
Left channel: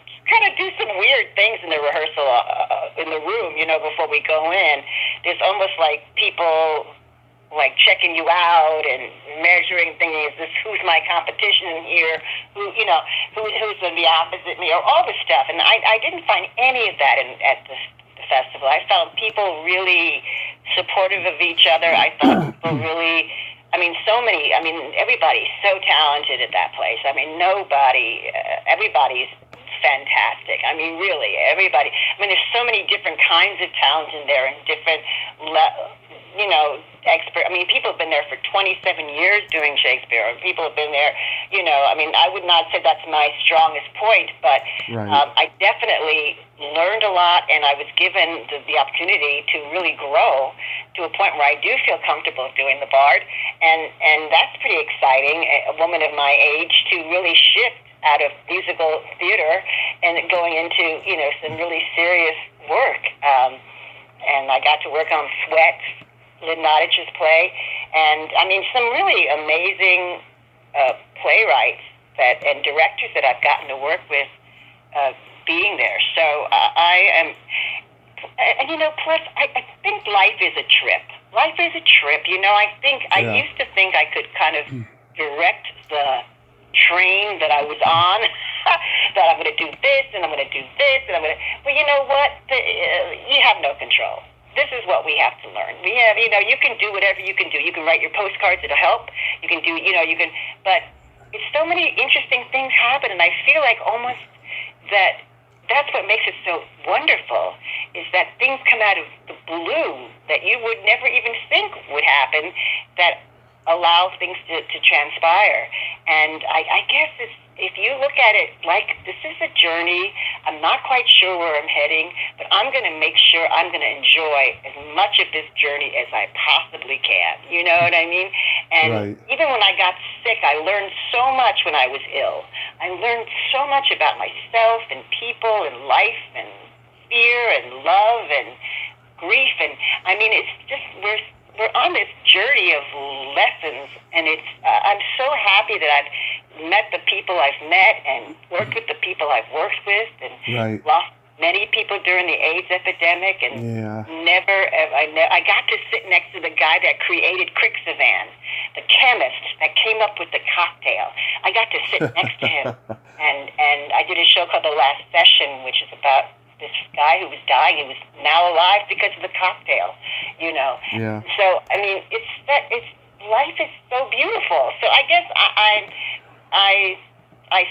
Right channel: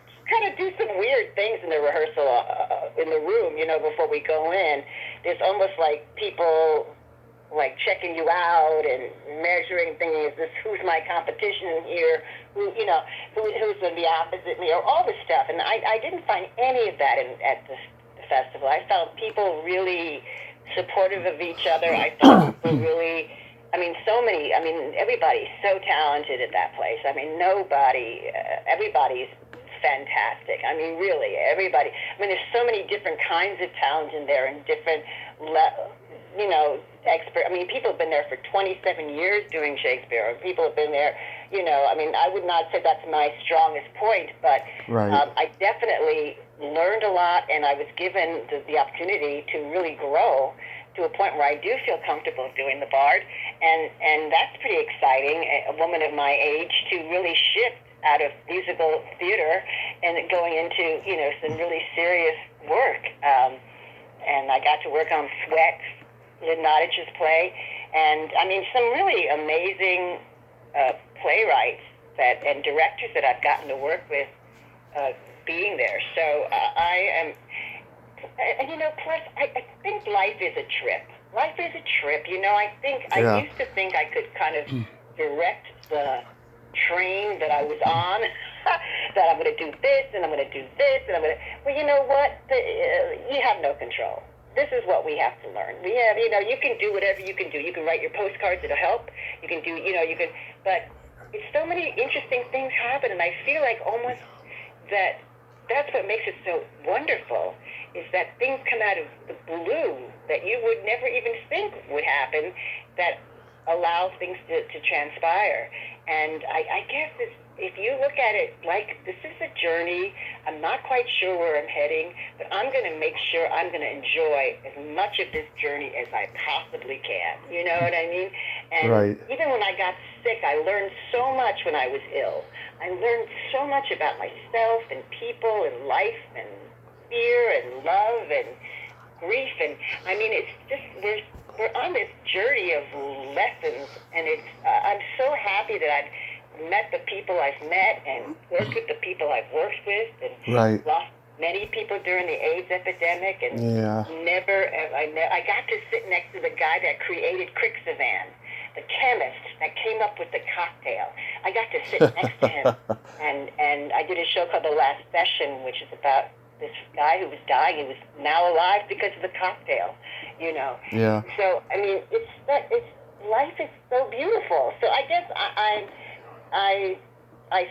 do some weird things in the rehearsal in the room, before we go in. There's almost like people like checking you out and measuring things. Who's my competition here? Who's going to be opposite me, or all this stuff. And I didn't find any of that at the festival. I found people really supportive of each other. I thought people really, everybody's so talented at that place. Everybody's fantastic. Really, everybody. There's so many different kinds of talent in there and different, expert. People have been there for 27 years doing Shakespeare. People have been there, I would not say that's my strongest point, but right. I definitely learned a lot, and I was given the opportunity to really grow to a point where I do feel comfortable doing the Bard, and that's pretty exciting. A woman of my age to really shift out of musical theater and going into, some really serious work. And I got to work on Sweat, Lynn Nottage's play, and some really amazing playwrights and directors that I've gotten to work with being there. So I am, plus I think life is a trip. Life is a trip. I used to think I could kind of direct the train that I was on, that I'm going to do this and I'm going to do this and I'm going to. Well, you know what? You have no control. This is what we have to learn. We have, you can do whatever you can do. You can write your postcards, it'll help. You can do, but it's so many interesting things happen, and I feel like almost that's what makes it so wonderful, is that things come out of the blue that you would never even think would happen, that allow things to transpire. And I guess if you look at it like this is a journey, I'm not quite sure where I'm heading, but I'm going to make sure I'm going to enjoy as much of this journey as I possibly can. You know what I mean? And right. Even when I got sick, I learned so much when I was ill. I learned so much about myself and people and life and fear and love and grief. And it's just, we're on this journey of lessons, and I'm so happy that I've met the people I've met and worked with the people I've worked with, and right. lost many people during the AIDS epidemic, and I got to sit next to the guy that created Crixivan, the chemist that came up with the cocktail. I got to sit next to him, and I did a show called The Last Session, which is about this guy who was dying. He was now alive because of the cocktail, Yeah. So life is so beautiful. So I guess I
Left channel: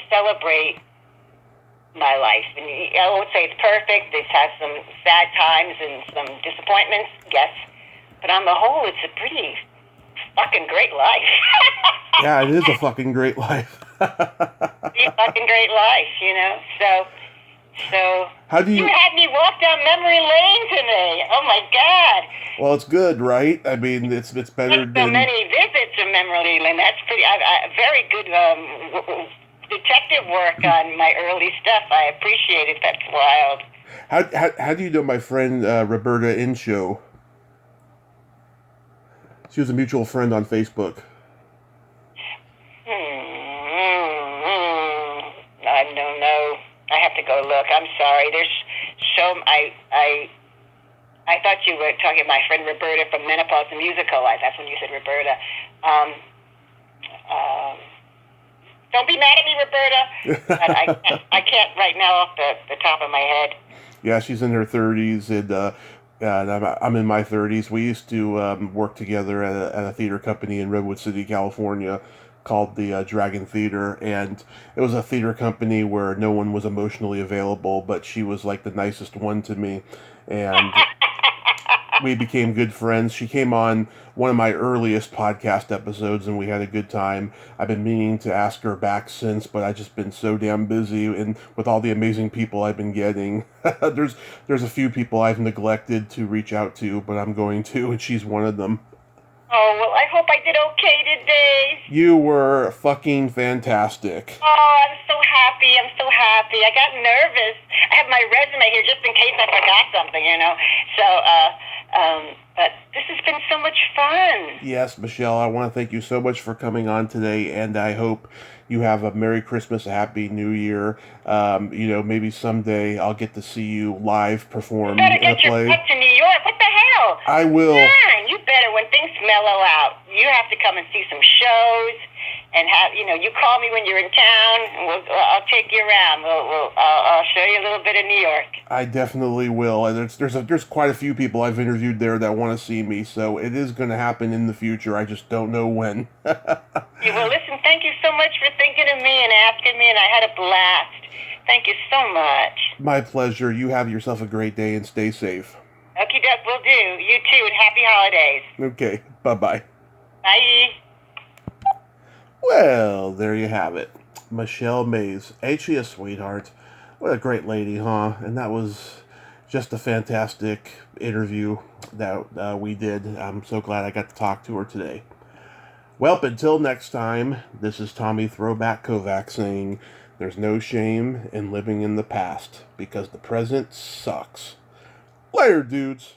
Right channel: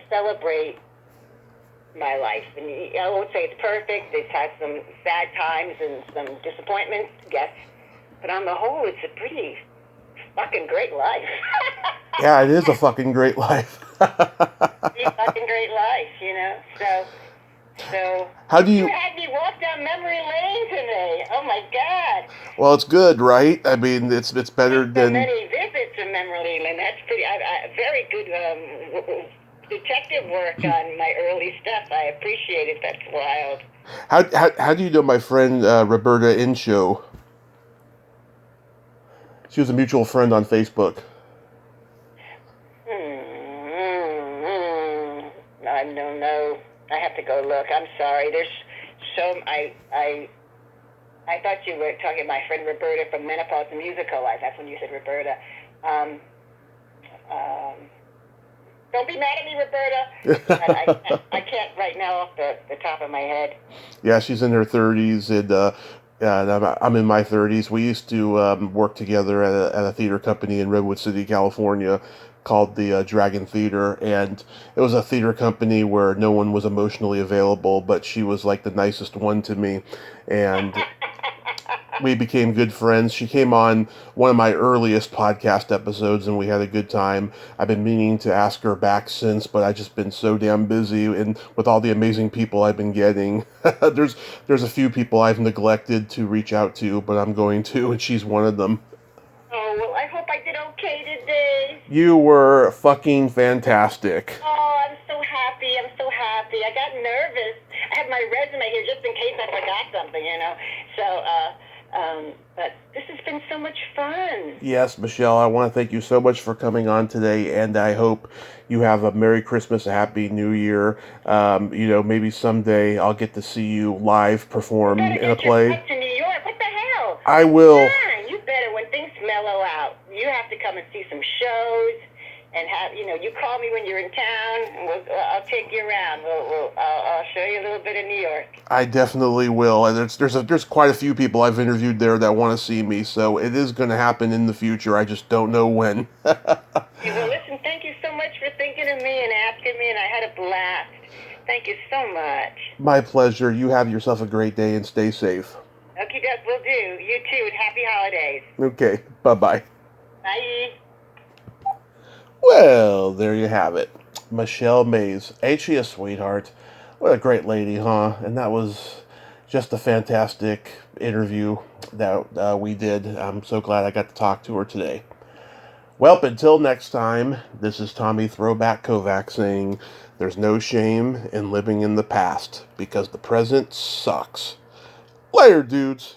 celebrate my life, and I won't say it's perfect. It's had some sad times and some disappointments, yes, but on the whole, it's a pretty fucking great life. Yeah, it is a fucking great life. It's a fucking great life, So How do you you... had me walk down memory lane today. Oh my God! Well, it's good, right? I mean, it's better So than... many visits to memory lane. That's pretty. Very good detective work on my early stuff. I appreciate it. That's wild. How do you know my friend Roberta Inshow? She was a mutual friend on Facebook. I don't know. I have to go look. I'm sorry. There's so I thought you were talking about my friend Roberta from Menopause the Musical. That's when you said Roberta. Don't be mad at me, Roberta. But I can't right now off the top of my head. Yeah, she's in her 30s, and I'm in my 30s. We used to work together at a theater company in Redwood City, California, called the Dragon Theater, and it was a theater company where no one was emotionally available, but she was like the nicest one to me, and we became good friends. She came on one of my earliest podcast episodes, and we had a good time. I've been meaning to ask her back since, but I've just been so damn busy, and with all the amazing people I've been getting, there's a few people I've neglected to reach out to, but I'm going to, and she's one of them. Oh, well, I hope I did okay today. You were fucking fantastic. Oh, I'm so happy. I'm so happy. I got nervous. I have my resume here just in case I forgot something, So, but this has been so much fun. Yes, Michelle, I want to thank you so much for coming on today, and I hope you have a Merry Christmas, a Happy New Year. Maybe someday I'll get to see you live perform in a play. You better get your butt to New York. What the hell? I will. Yeah, you better, when things mellow out, you have to come and see some shows. And you call me when you're in town, and I'll take you around. I'll show you a little bit of New York. I definitely will. And there's quite a few people I've interviewed there that want to see me, so it is going to happen in the future. I just don't know when. Well, listen, thank you so much for thinking of me and asking me, and I had a blast. Thank you so much. My pleasure. You have yourself a great day and stay safe. Okay, Doug, will do. You too, and happy holidays. Okay, bye-bye. Bye. Well, there you have it. Michele Mais. Ain't she a sweetheart? What a great lady, huh? And that was just a fantastic interview that we did. I'm so glad I got to talk to her today. Well, until next time, this is Tommy Throwback Kovac saying there's no shame in living in the past because the present sucks. Later, dudes.